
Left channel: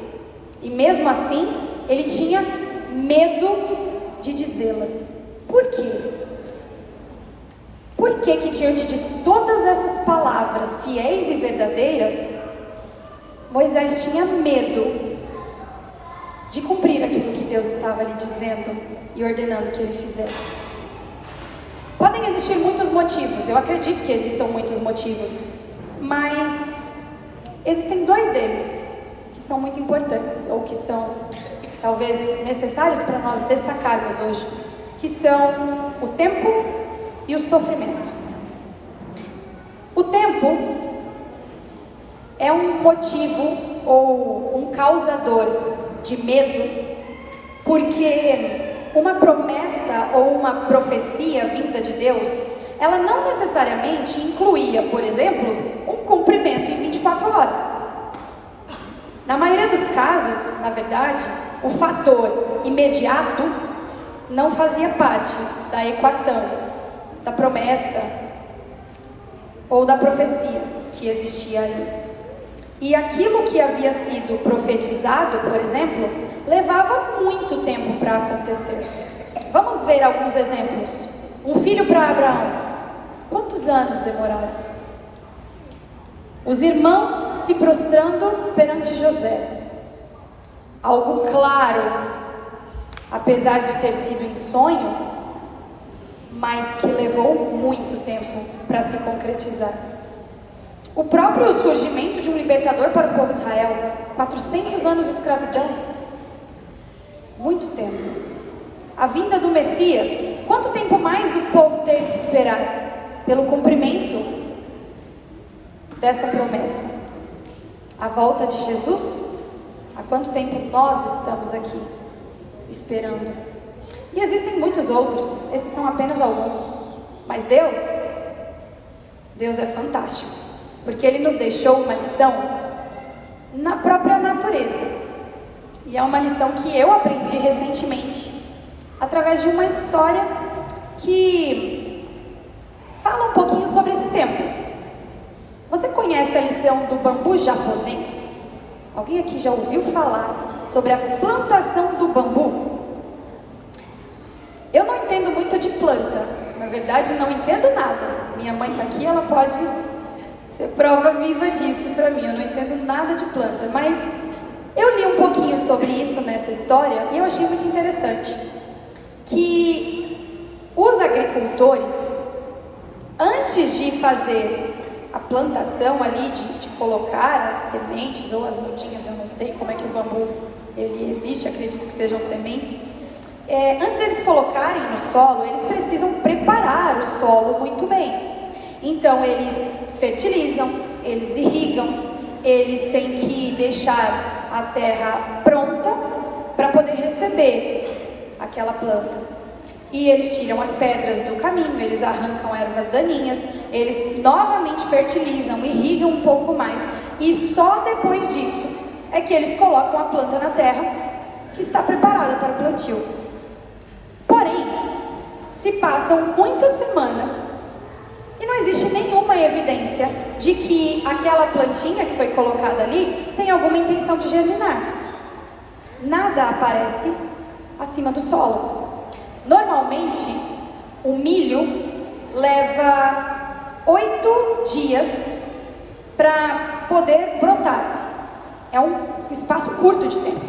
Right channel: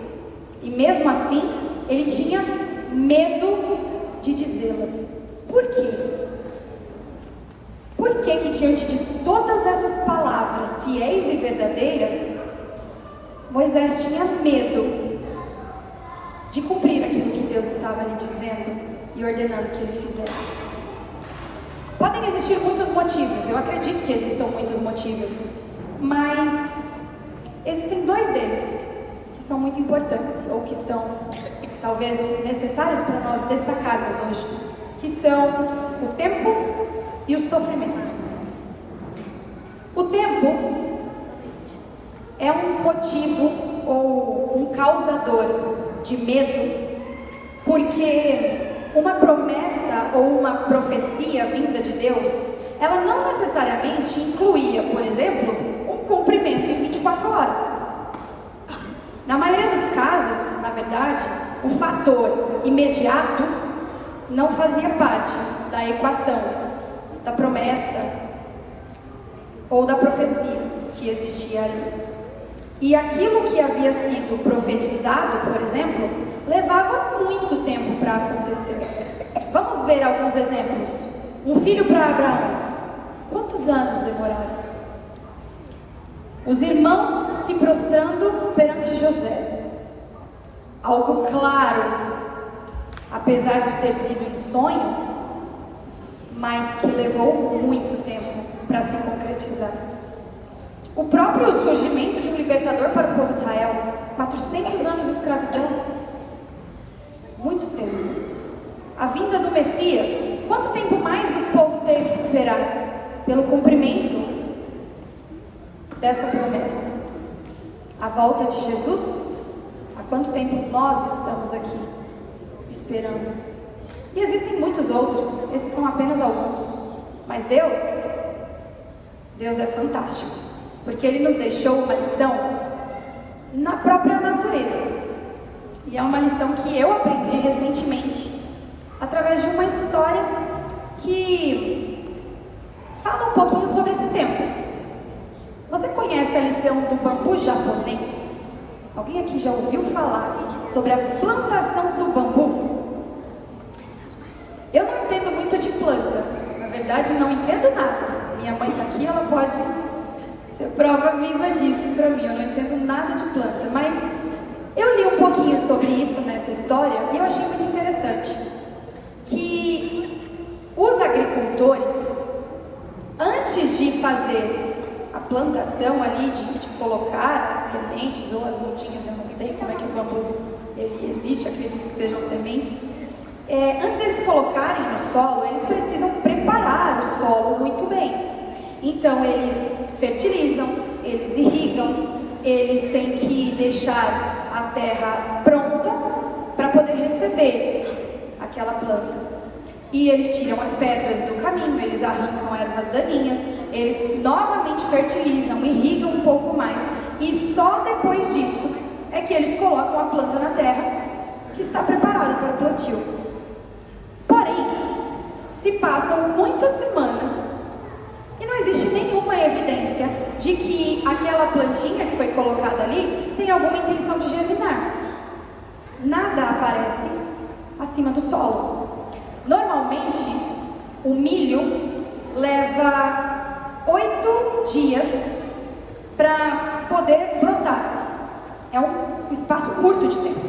E mesmo assim, ele tinha medo de dizê-las. Por quê? Por que que diante de todas essas palavras fiéis e verdadeiras, Moisés tinha medo de cumprir aquilo que Deus estava lhe dizendo e ordenando que ele fizesse? Podem existir muitos motivos, eu acredito que existam muitos motivos, mas existem dois deles que são muito importantes, ou que são talvez necessários para nós destacarmos hoje, que são o tempo e o sofrimento. O tempo é um motivo ou um causador de medo, porque uma promessa ou uma profecia vinda de Deus, ela não necessariamente incluía, por exemplo, um cumprimento em 24 horas. Na maioria dos casos, na verdade, o fator imediato não fazia parte da equação, da promessa ou da profecia que existia ali. E aquilo que havia sido profetizado, por exemplo, levava muito tempo para acontecer. Vamos ver alguns exemplos. Um filho para Abraão. Quantos anos demoraram? Os irmãos se prostrando perante José. Algo claro, apesar de ter sido em sonho, mas que levou muito tempo para se concretizar. O próprio surgimento de um libertador para o povo de Israel, 400 anos de escravidão, muito tempo. A vinda do Messias, quanto tempo mais o povo teve que esperar pelo cumprimento dessa promessa? A volta de Jesus, há quanto tempo nós estamos aqui esperando? E existem muitos outros, esses são apenas alguns, mas Deus é fantástico, porque Ele nos deixou uma lição na própria natureza. E é uma lição que eu aprendi recentemente, através de uma história que fala um pouquinho sobre esse tempo. Você conhece a lição do bambu japonês? Alguém aqui já ouviu falar sobre a plantação do bambu? Eu não entendo muito de planta, na verdade não entendo nada. Minha mãe está aqui, ela pode ser prova viva disso para mim. Eu não entendo nada de planta, mas eu li um pouquinho sobre isso nessa história e eu achei muito interessante que os agricultores, antes de fazer a plantação ali, de colocar as sementes ou as mudinhas, eu não sei como é que o bambu ele existe, acredito que sejam sementes, antes deles colocarem no solo, eles precisam preparar o solo muito bem. Então eles fertilizam, eles irrigam, eles têm que deixar a terra pronta para poder receber aquela planta. E eles tiram as pedras do caminho, eles arrancam ervas daninhas, eles novamente fertilizam, irrigam um pouco mais, e só depois disso é que eles colocam a planta na terra que está preparada para o plantio. Porém, se passam muitas semanas e não existe nenhuma evidência de que aquela plantinha que foi colocada ali tem alguma intenção de germinar. Nada aparece acima do solo. Normalmente, o milho leva 8 dias para poder brotar. É um espaço curto de tempo,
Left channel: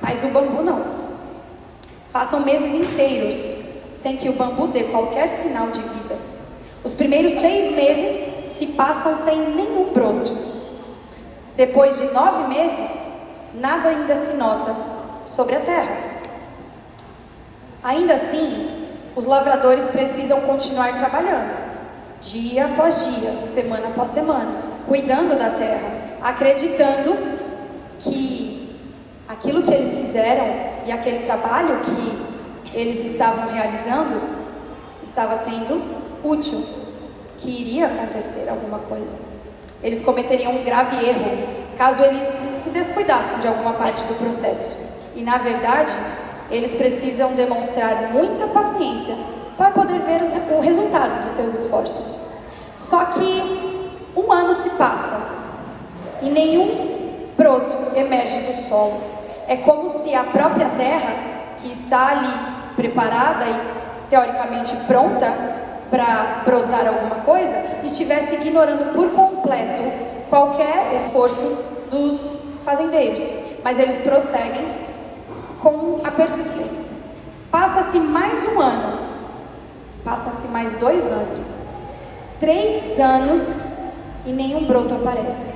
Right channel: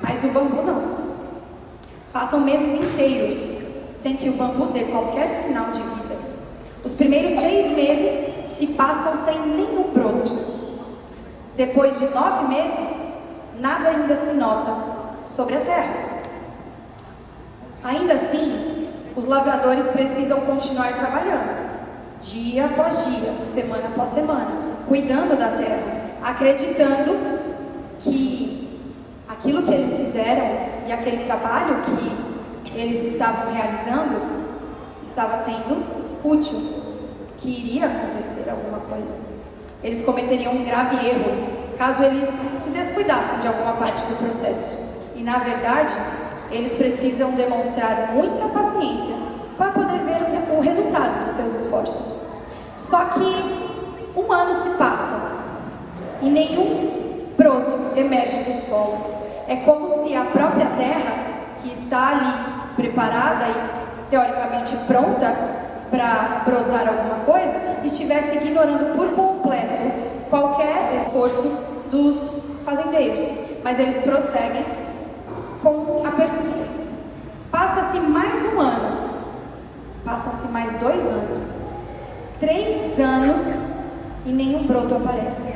mas o bambu não. Passam meses inteiros sem que o bambu dê qualquer sinal de vida. Os primeiros 6 meses se passam sem nenhum broto. Depois de 9 meses, nada ainda se nota sobre a terra. Ainda assim, os lavradores precisam continuar trabalhando. dia após dia, semana após semana, cuidando da terra, acreditando que aquilo que eles fizeram e aquele trabalho que eles estavam realizando estava sendo útil, que iria acontecer alguma coisa. Eles cometeriam um grave erro caso eles se descuidassem de alguma parte do processo. E na verdade, eles precisam demonstrar muita paciência para poder ver o resultado dos seus esforços. Só que um ano se passa e nenhum broto emerge do solo. É como se a própria terra, que está ali preparada e teoricamente pronta para brotar alguma coisa, estivesse ignorando por completo qualquer esforço dos fazendeiros. Mas eles prosseguem com a persistência. Passa-se mais um ano, passam-se mais 2 anos, 3 anos e nenhum broto aparece.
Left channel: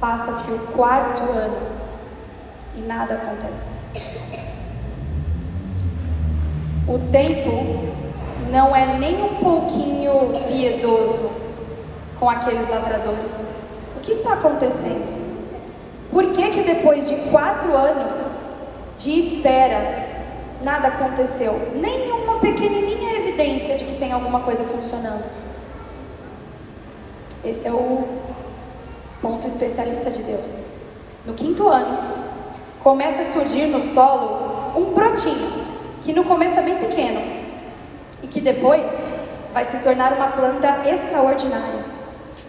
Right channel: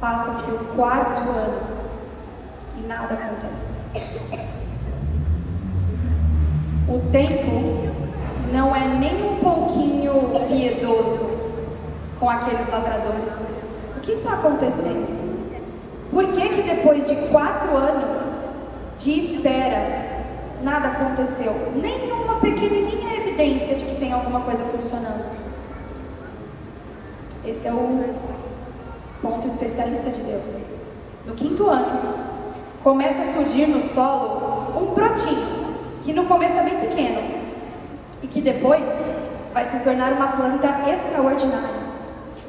Passa-se o 4º ano e nada acontece. O tempo não é nem um pouquinho piedoso com aqueles lavradores. O que está acontecendo? Por que depois de 4 anos de espera, nada aconteceu? Nenhuma pequenininha evidência de que tem alguma coisa funcionando. Esse é o ponto especialista de Deus. No 5º ano, começa a surgir no solo um brotinho, que no começo é bem pequeno, e que depois vai se tornar uma planta extraordinária.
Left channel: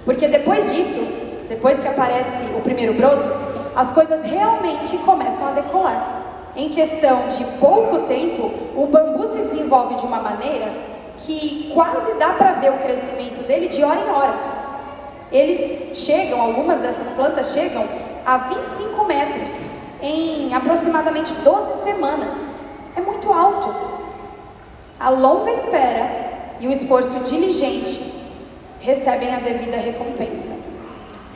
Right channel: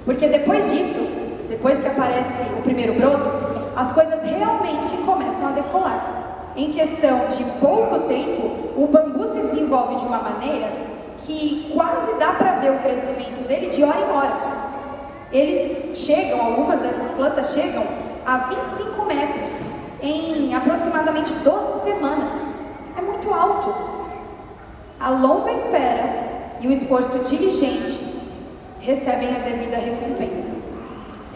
Porque depois disso, depois que aparece o primeiro broto, as coisas realmente começam a decolar. Em questão de pouco tempo, o bambu se desenvolve de uma maneira que quase dá para ver o crescimento dele de hora em hora. Eles chegam, algumas dessas plantas chegam a 25 metros em aproximadamente 12 semanas. É muito alto. A longa espera e o esforço diligente recebem a devida recompensa.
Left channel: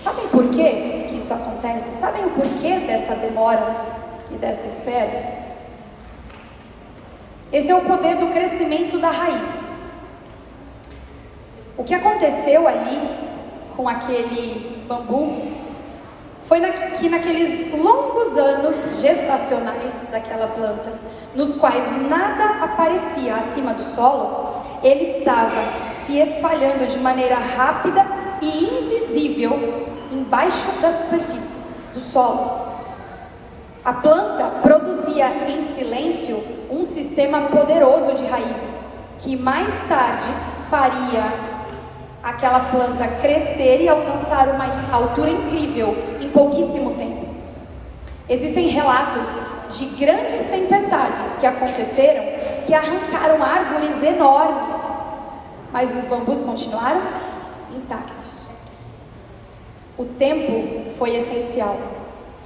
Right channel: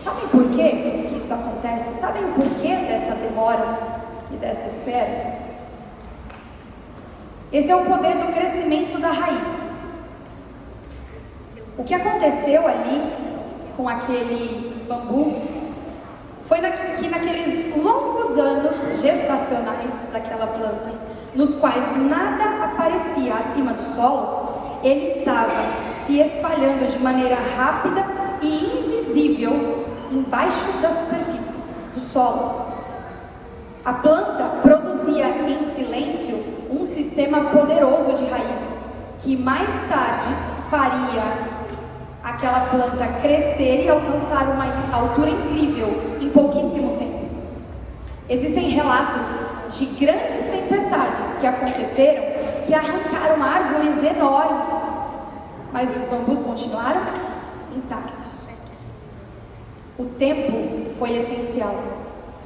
Sabem por quê que isso acontece? Sabem o porquê dessa demora e dessa espera? Esse é o poder do crescimento da raiz. O que aconteceu ali com aquele bambu foi que naqueles longos anos gestacionais daquela planta, nos quais nada aparecia acima do solo, ele estava se espalhando de maneira rápida e invisível embaixo da superfície do solo. A planta produzia em silêncio um sistema poderoso de raízes, que mais tarde faria aquela planta crescer e alcançar uma altura incrível em pouquíssimo tempo. Existem relatos de grandes tempestades que aconteceram, que arrancaram árvores enormes, mas os bambus continuaram intactos. O tempo foi essencial,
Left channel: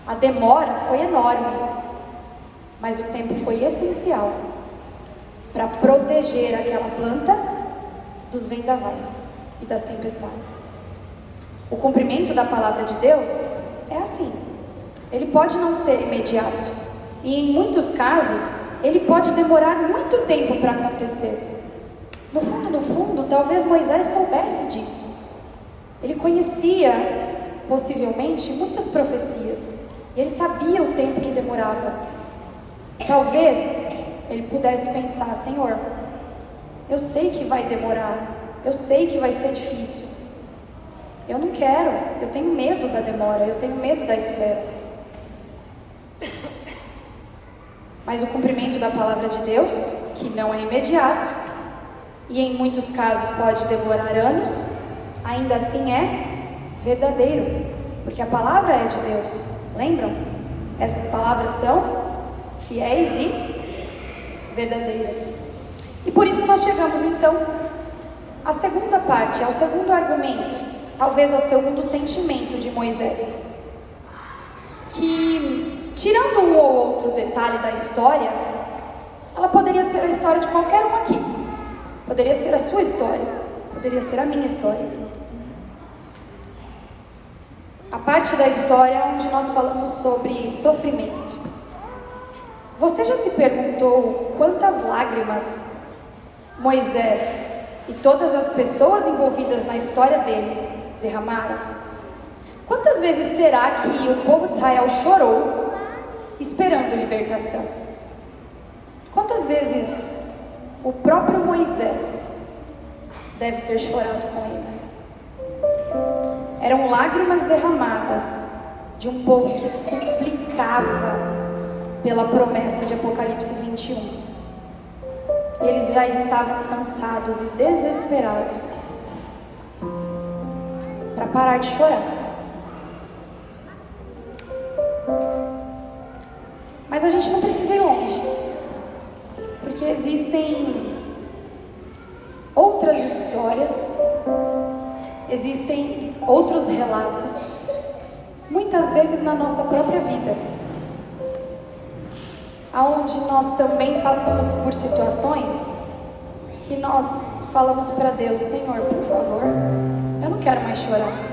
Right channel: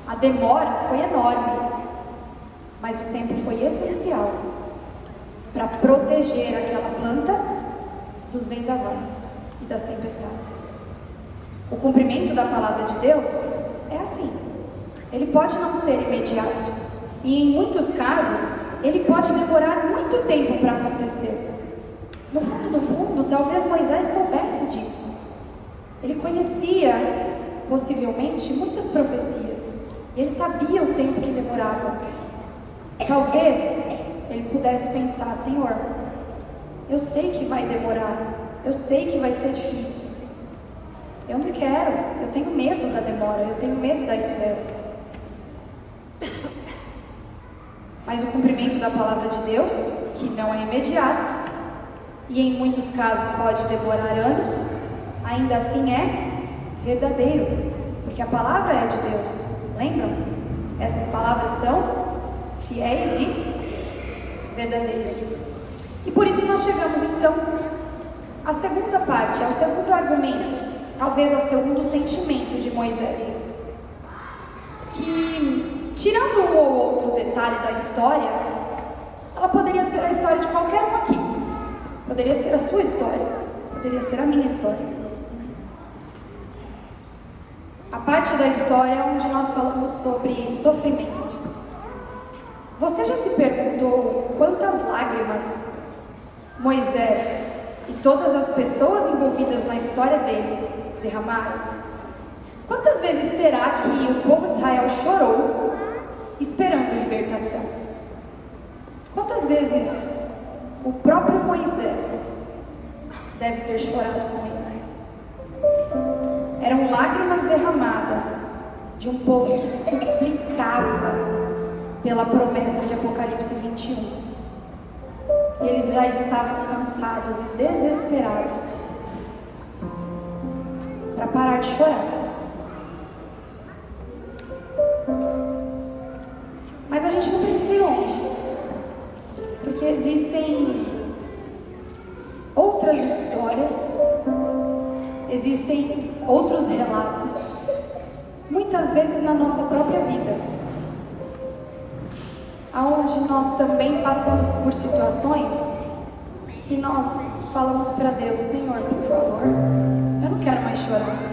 a demora foi enorme, mas o tempo foi essencial para proteger aquela planta dos vendavais e das tempestades. O cumprimento da palavra de Deus é assim. Ele pode não ser imediato, e em muitos casos ele pode demorar muito tempo para acontecer. No fundo, talvez Moisés soubesse disso. Ele conhecia possivelmente muitas profecias, e ele sabia o tempo que demorava. Talvez ele pudesse pensar: Senhor, eu sei que vai demorar, eu sei que vai ser difícil, eu não quero, eu tenho medo da demora, eu tenho medo da espera. Mas o cumprimento da palavra de Deus, que não é imediato, e em muitos casos pode demorar anos, ainda assim é verdadeiro, porque a palavra é de Deus. Lembram? Essas palavras são fiéis e verdadeiras. E por isso nós chegamos então à segunda parte, ao segundo argumento, talvez ao segundo sentimento de Moisés, que, tirando um ou outro detalhe da história, ela poderia ser a história de qualquer um aqui, poderia ser a sua história, poderia ser a minha história. A parte da história onde nós falamos sobre sofrimento. Você já se perguntou quantas lágrimas Moisés e todas as pessoas envolvidas na história dele derramaram? Quantas vezes será que o povo de Israel chorou esperando libertação? Quantas vezes o próprio Moisés deve ter chorado com eles? Eram lágrimas derramadas de um povo que suplicava pela promessa de Apocalipse 21. E eles já estavam cansados e desesperados para parar de chorar. Mas a gente não precisa ir longe, porque existem outras histórias, existem outros relatos, muitas vezes na nossa própria vida, onde nós também passamos por situações que nós falamos para Deus: Senhor, por favor, eu não quero mais chorar.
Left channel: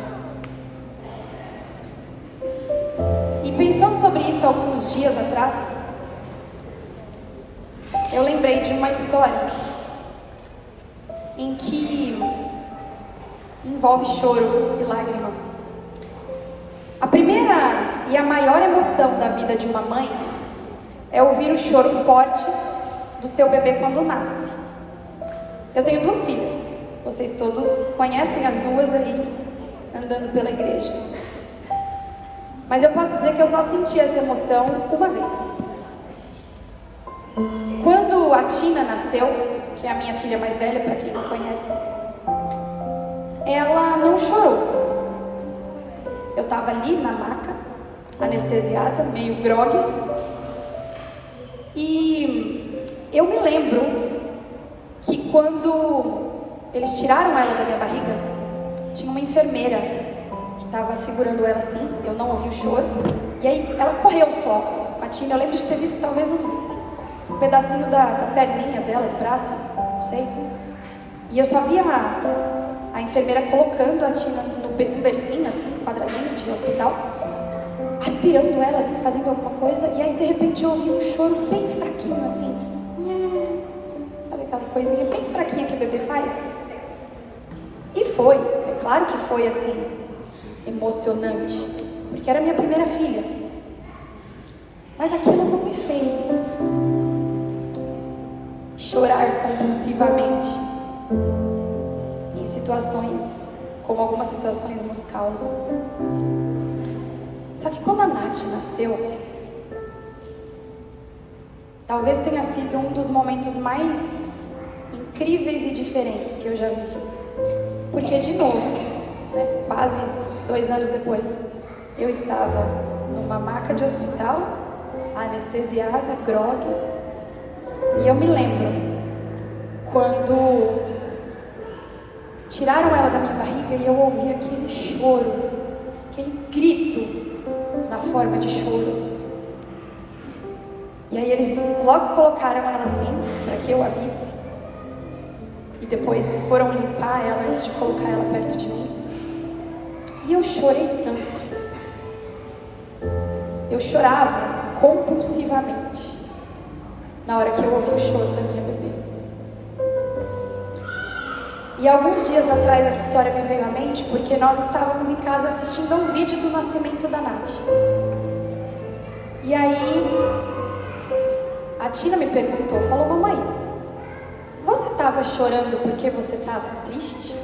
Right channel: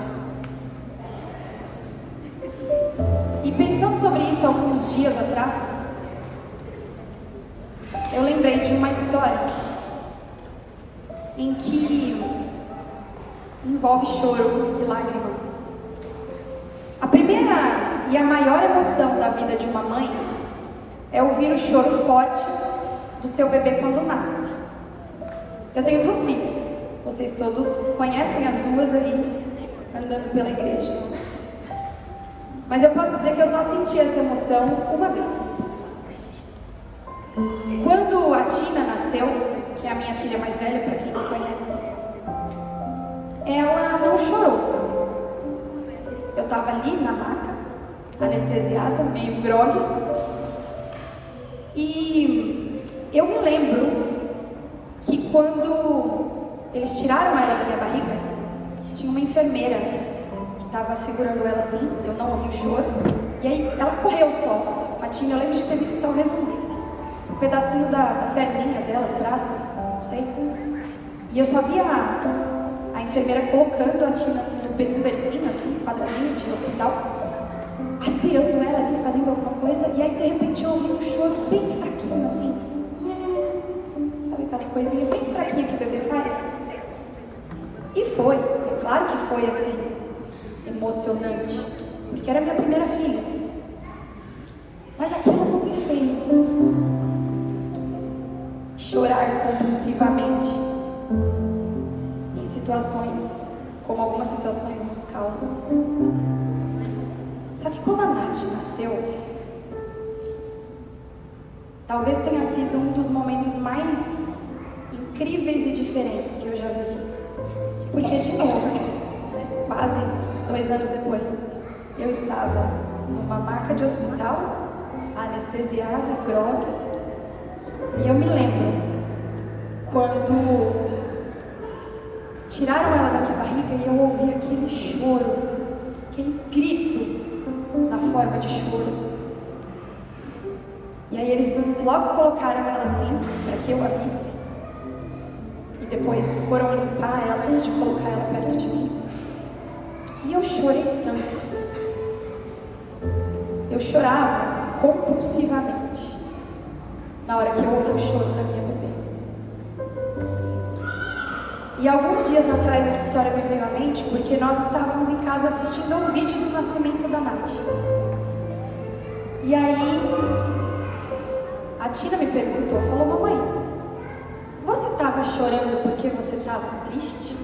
E pensando sobre isso alguns dias atrás, eu lembrei de uma história em que envolve choro e lágrima. A primeira e a maior emoção da vida de uma mãe é ouvir o choro forte do seu bebê quando nasce. Eu tenho 2 filhas, vocês todos conhecem as 2 aí, andando pela igreja. Mas eu posso dizer que eu só senti essa emoção uma vez. Quando a Tina nasceu, que é a minha filha mais velha, para quem não conhece, ela não chorou. Eu estava ali na maca, anestesiada, meio grogue, e eu me lembro que quando eles tiraram ela da minha barriga, tinha uma enfermeira que estava segurando ela assim, eu não ouvi o choro, e aí ela correu só. A Tina, eu lembro de ter visto talvez um pedacinho da perninha dela, do braço, não sei, e eu só vi a enfermeira colocando a Tina no bercinho, assim, quadradinho de hospital, aspirando ela ali, fazendo alguma coisa, e aí de repente eu ouvi um choro bem fraquinho, assim, sabe aquela coisinha bem fraquinha que o bebê faz? E foi, é claro que foi assim, emocionante, porque era minha primeira filha, mas aquilo não me fez chorar compulsivamente em situações como algumas situações nos causam. Só que quando a Nath nasceu, talvez tenha sido um dos momentos mais incríveis e diferentes que eu já vivi. Porque, de novo, né, quase 2 anos depois, eu estava numa maca de hospital, anestesiada, grogue, e eu me lembro quando tiraram ela da minha barriga e eu ouvi aquele choro, aquele grito na forma de choro. E aí eles logo colocaram ela assim, para que eu a visse. E depois foram limpar ela antes de colocar ela perto de mim. E eu chorei tanto. Eu chorava compulsivamente na hora que eu ouvi o choro da minha bebê. E alguns dias atrás essa história me veio à mente porque nós estávamos em casa assistindo a um vídeo do nascimento da Nath. E aí a Tina me perguntou, falou: mamãe, você estava chorando porque você estava triste?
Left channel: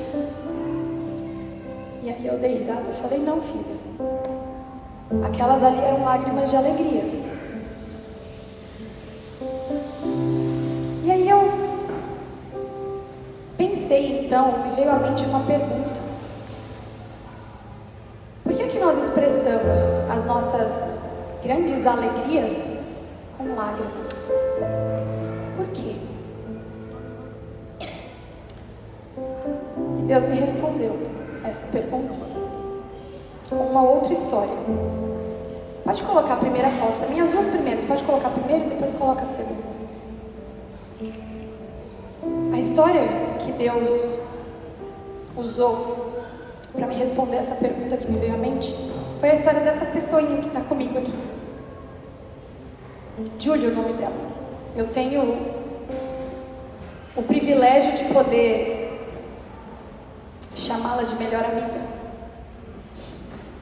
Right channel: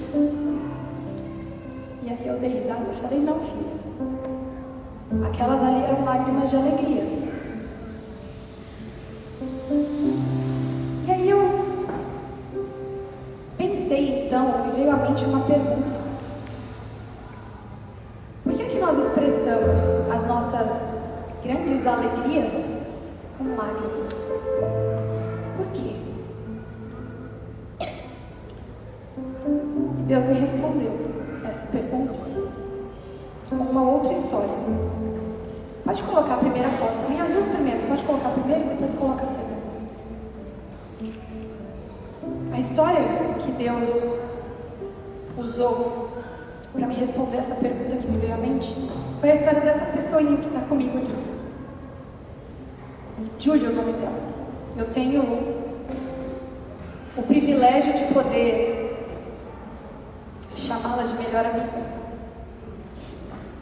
E aí eu dei risada e falei: não, filha, aquelas ali eram lágrimas de alegria. E aí eu pensei, então, me veio à mente uma pergunta: por que nós expressamos as nossas grandes alegrias com lágrimas? Por quê? E Deus me respondeu essa pergunta com uma outra história. Pode colocar a primeira foto, minhas 2 primeiras, pode colocar a primeira e depois coloca a segunda. A história que Deus usou para me responder essa pergunta que me veio à mente foi a história dessa pessoinha que está comigo aqui. Júlia, o nome dela. Eu tenho o privilégio de poder chamá-la de melhor amiga.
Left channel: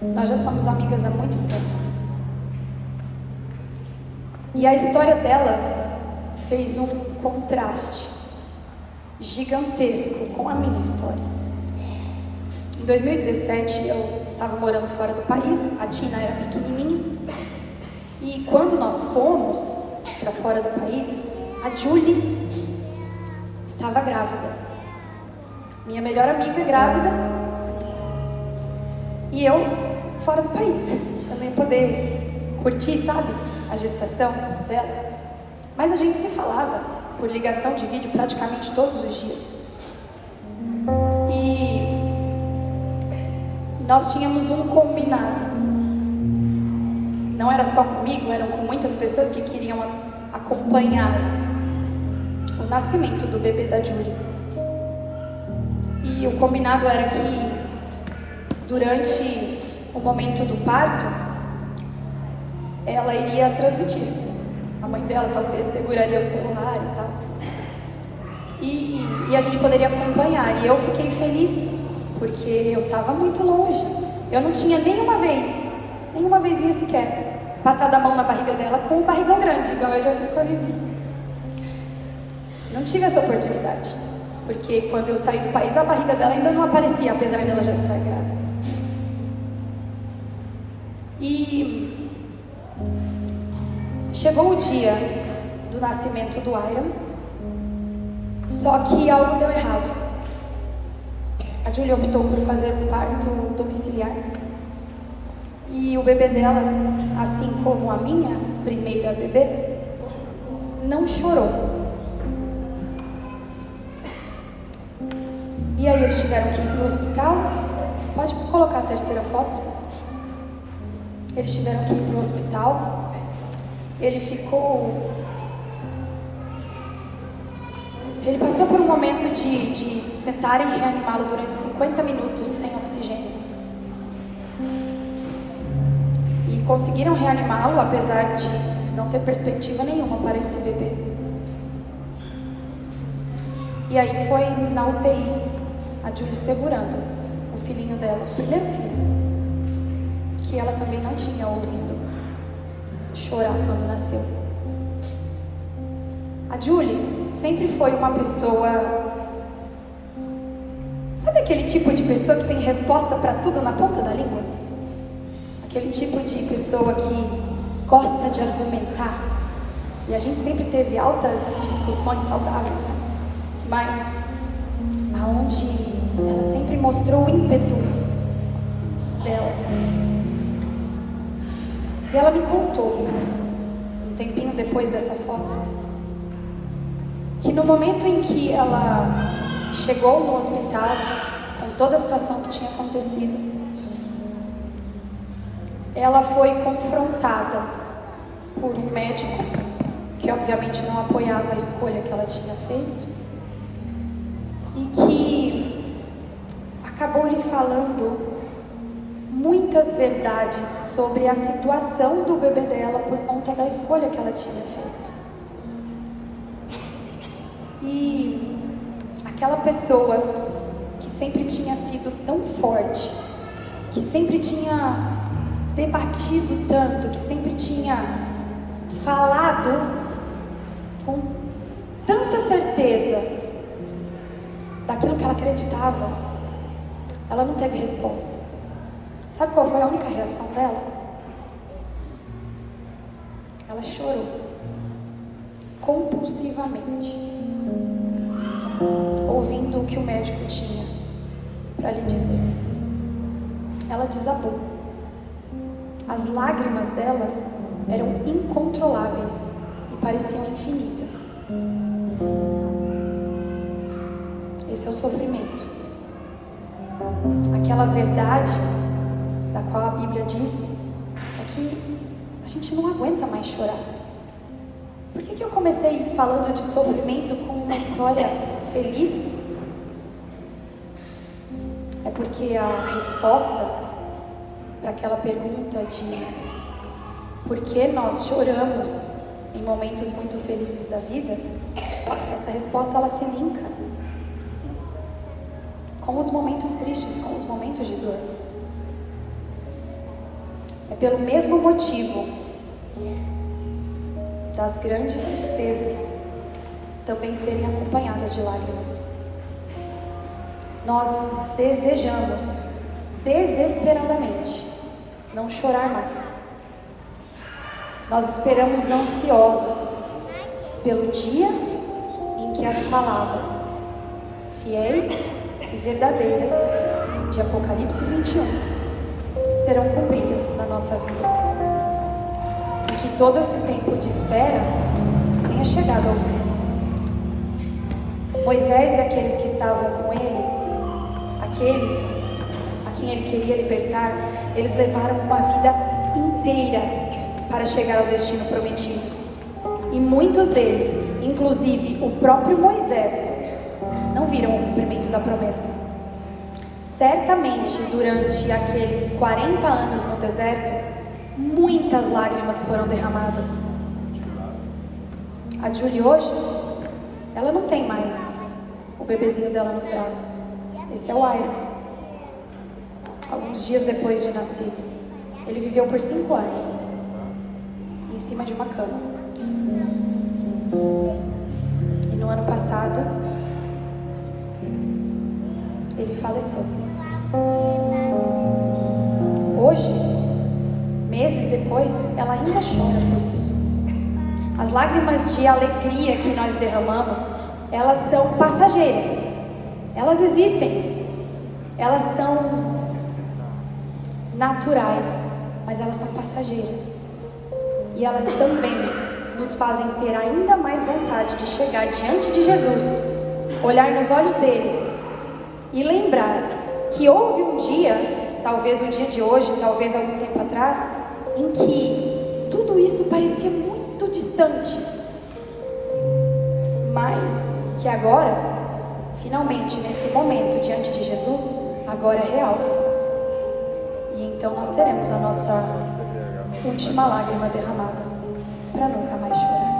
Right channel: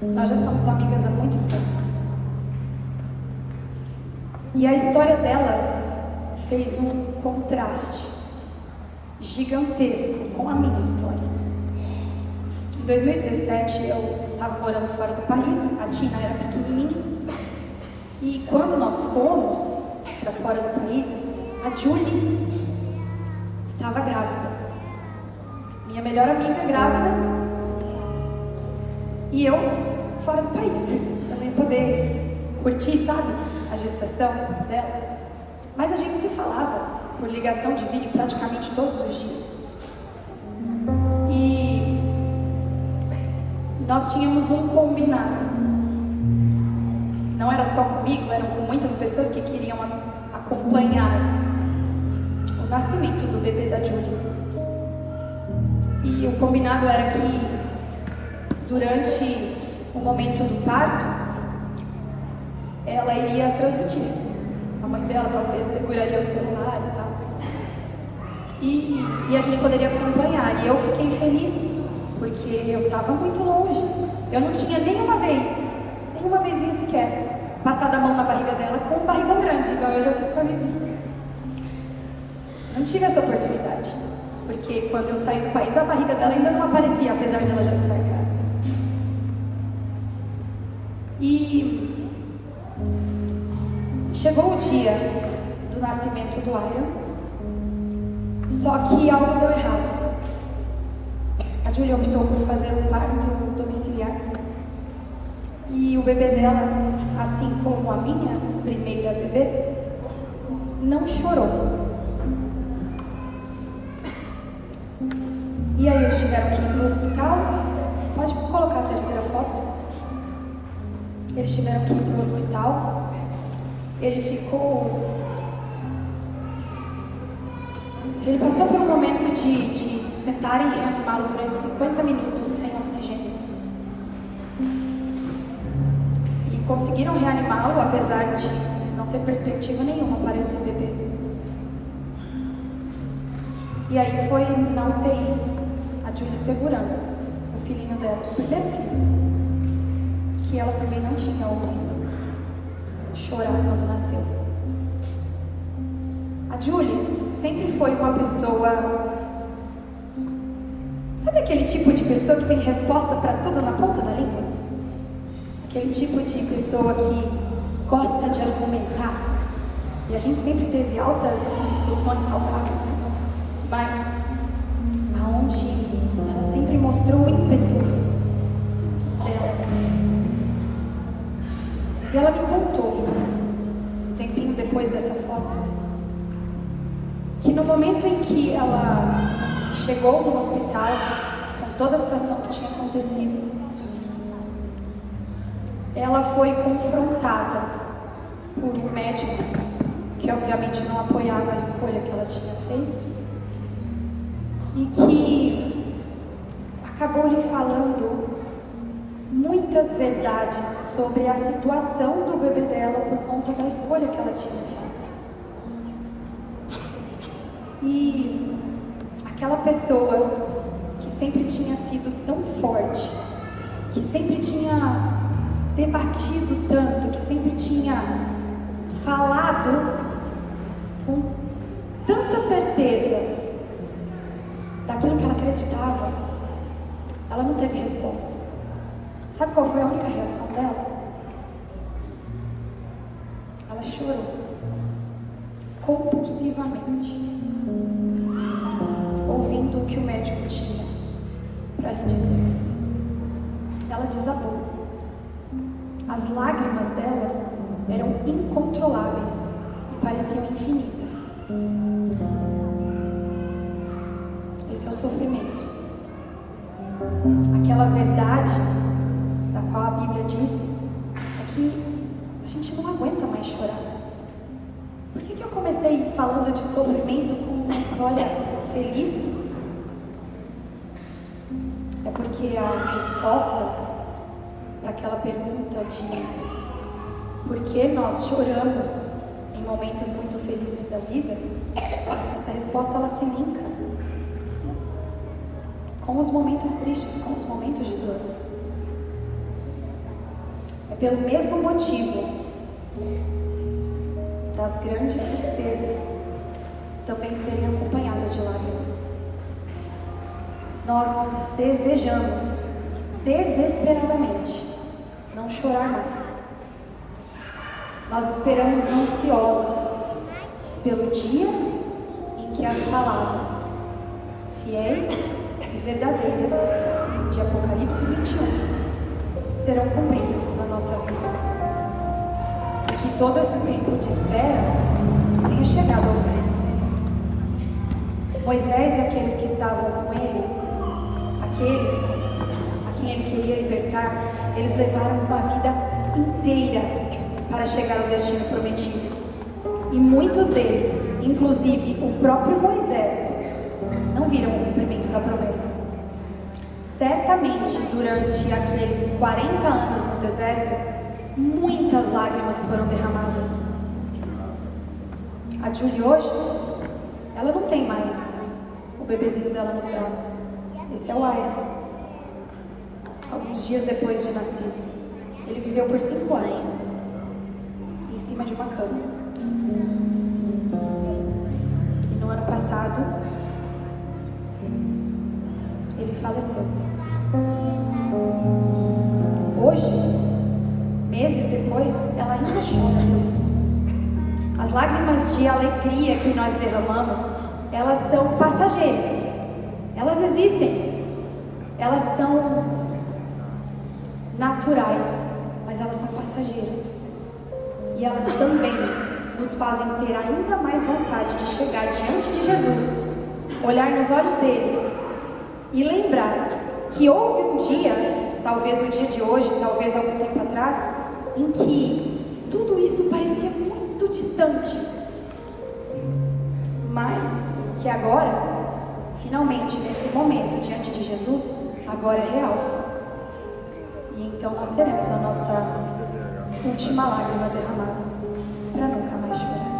Nós já somos amigas há muito tempo. E a história dela fez um contraste gigantesco com a minha história. Em 2017, eu estava morando fora do país, a Tina era pequenininha, e quando nós fomos para fora do país, a Julie estava grávida. Minha melhor amiga grávida e eu fora do país. Eu nem poder curtir, sabe, a gestação dela. Mas a gente se falava por ligação de vídeo praticamente todos os dias. E nós tínhamos um combinado. Não era só comigo, era com muitas pessoas que queriam acompanhar o nascimento do bebê da Julie. E o combinado era que durante o momento do parto, ela iria transmitir. A mãe dela talvez seguraria o celular e tal. E a gente poderia acompanhar. E eu fiquei feliz, porque eu estava muito longe. Eu não tinha nenhuma vezinha sequer, passado a mão na barriga dela com um barrigão grande, igual eu já fiz com a Vivi. Não tive essa oportunidade, porque quando eu saí do país, a barriga dela ainda não aparecia, apesar dela já estar grávida. E chegou o dia do nascimento do Iron, só que algo deu errado. A Julie optou por fazer um parto domiciliar. E o bebê dela, assim como a minha primeira bebê, não chorou. E aí eles tiveram que ir para o hospital. Pode colocar a terceira foto. Eles tiveram que ir para o hospital. Ele passou por um momento de tentarem reanimá-lo durante 50 minutos sem oxigênio. E conseguiram reanimá-lo, apesar de não ter perspectiva nenhuma para esse bebê. E aí foi na UTI, a Julie segurando o filhinho dela, o primeiro filho, que ela também não tinha ouvido chorar quando nasceu. A Julie sempre foi uma pessoa... Sabe aquele tipo de pessoa que tem resposta para tudo na ponta da língua? Aquele tipo de pessoa que gosta de argumentar. E a gente sempre teve altas discussões saudáveis, né? Mas aonde ela sempre mostrou o ímpeto dela. E ela me contou, um tempinho depois dessa foto, que no momento em que ela chegou no hospital, com toda a situação que tinha acontecido, ela foi confrontada por um médico que obviamente não apoiava a escolha que ela tinha feito e que acabou lhe falando muitas verdades sobre a situação do bebê dela por conta da escolha que ela tinha feito. E aquela pessoa que sempre tinha sido tão forte, que sempre tinha debatido tanto, que sempre tinha falado com tanta certeza daquilo que ela acreditava, ela não teve resposta. Sabe qual foi a única reação dela? Ela chorou compulsivamente, ouvindo o que o médico tinha para lhe dizer. Ela desabou. As lágrimas dela eram incontroláveis e pareciam infinitas. Esse é o sofrimento. Aquela verdade da qual a Bíblia diz que a gente não aguenta mais chorar. Por que eu comecei falando de sofrimento como uma história feliz? É porque a resposta para aquela pergunta de por que nós choramos em momentos muito felizes da vida, essa resposta ela se linka com os momentos tristes, com os momentos de dor. É pelo mesmo motivo das grandes tristezas também serem acompanhadas de lágrimas. Nós desejamos desesperadamente não chorar mais. Nós esperamos ansiosos pelo dia em que as palavras fiéis e verdadeiras de Apocalipse 21 serão cumpridas na nossa vida. E que todo esse tempo de espera tenha chegado ao fim. Moisés e aqueles que estavam com ele, aqueles a quem ele queria libertar, eles levaram uma vida inteira para chegar ao destino prometido. E muitos deles, inclusive o próprio Moisés, não viram o cumprimento da promessa. Certamente, durante aqueles 40 anos no deserto, muitas lágrimas foram derramadas. A Julie hoje, ela não tem mais o bebezinho dela nos braços. Esse é o Iron. Alguns dias depois de nascido, ele viveu por 5 anos em cima de uma cama. E no ano passado, ele faleceu. Hoje, meses depois, ela ainda chora por isso. As lágrimas de alegria que nós derramamos, elas são passageiras. Elas existem. Elas são naturais, mas elas são passageiras. E elas também nos fazem ter ainda mais vontade de chegar diante de Jesus, olhar nos olhos dele e lembrar que houve um dia, talvez o dia de hoje, talvez algum tempo atrás, em que tudo isso parecia muito distante, mas que agora, finalmente, nesse momento diante de Jesus, agora é real. E então nós teremos a nossa última lágrima derramada para nunca mais chorar.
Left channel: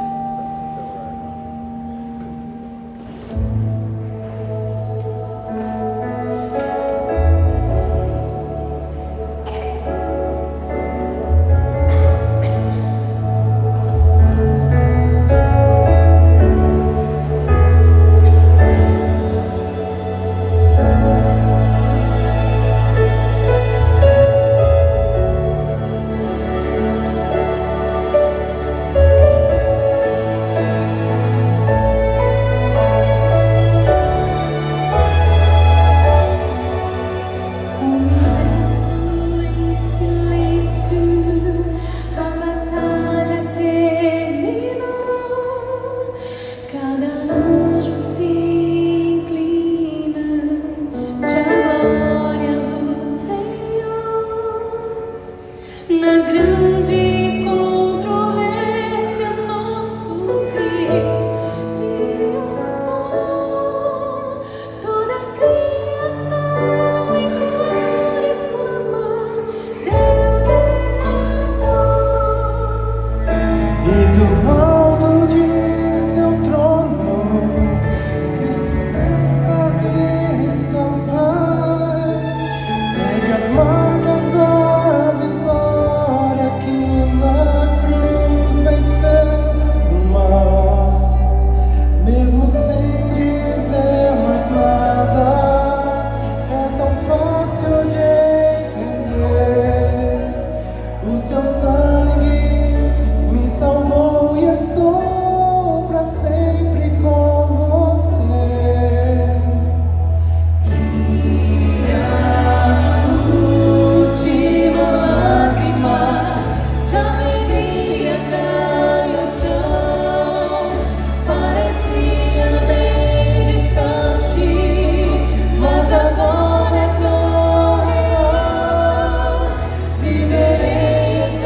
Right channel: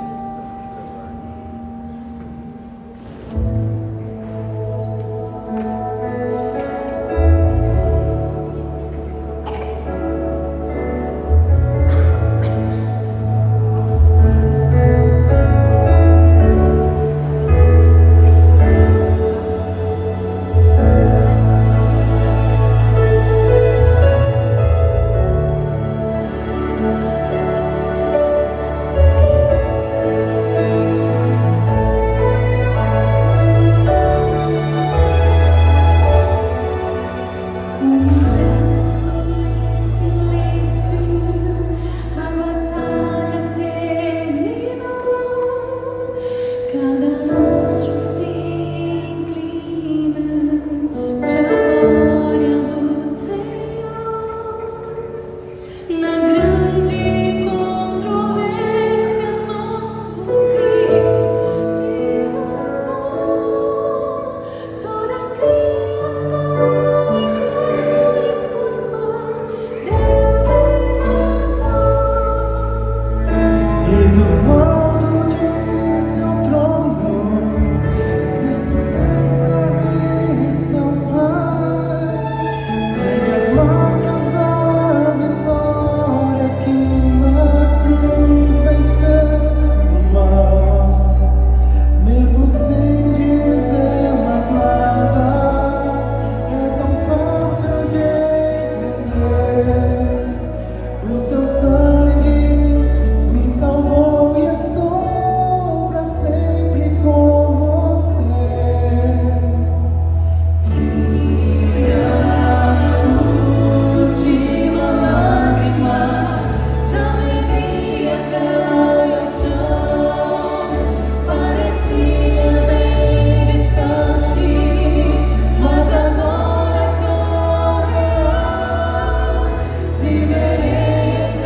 Viverei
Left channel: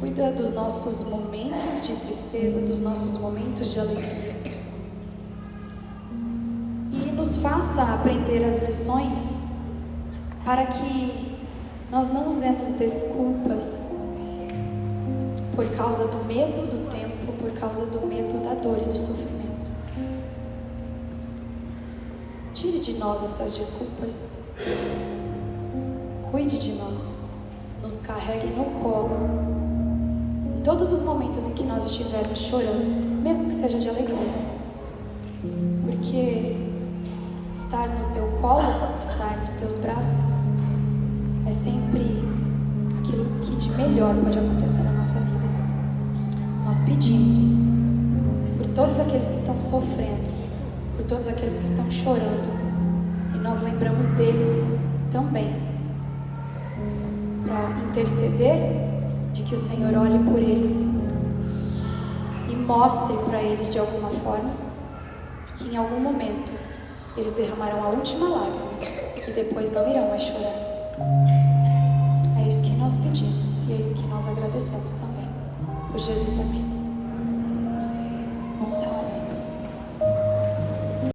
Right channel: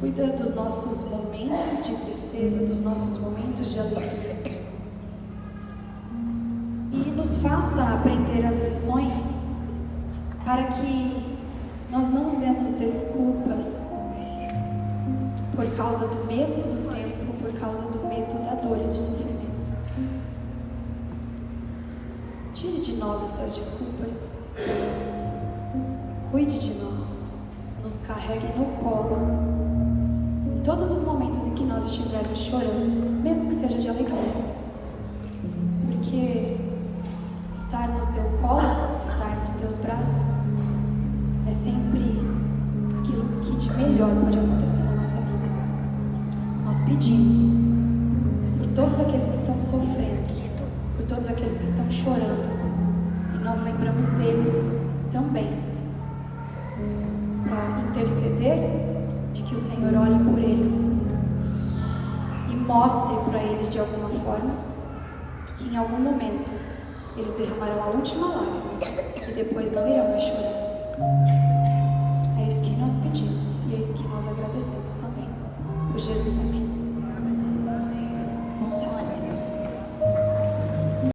Cuida dos nossos momentos de tristeza, dos nossos momentos de alegria. E nos faça aprender as lições para que nós não usemos desculpas por causa do medo do tempo, por causa do medo da dor e do sofrimento. Tire de nós essas desculpas. Cuide de nós. Nos carregue no colo. Em todos os momentos em que nós estivermos chorando, mesmo que seja de alegria. todos aqueles que estão sofrendo, por todos aqueles que estão chorando. E nós lembramos deles também, para interceder de que o Senhor olhe por eles e mostre para eles de alguma forma que em algum momento eles derramarão a última lágrima e depois não irá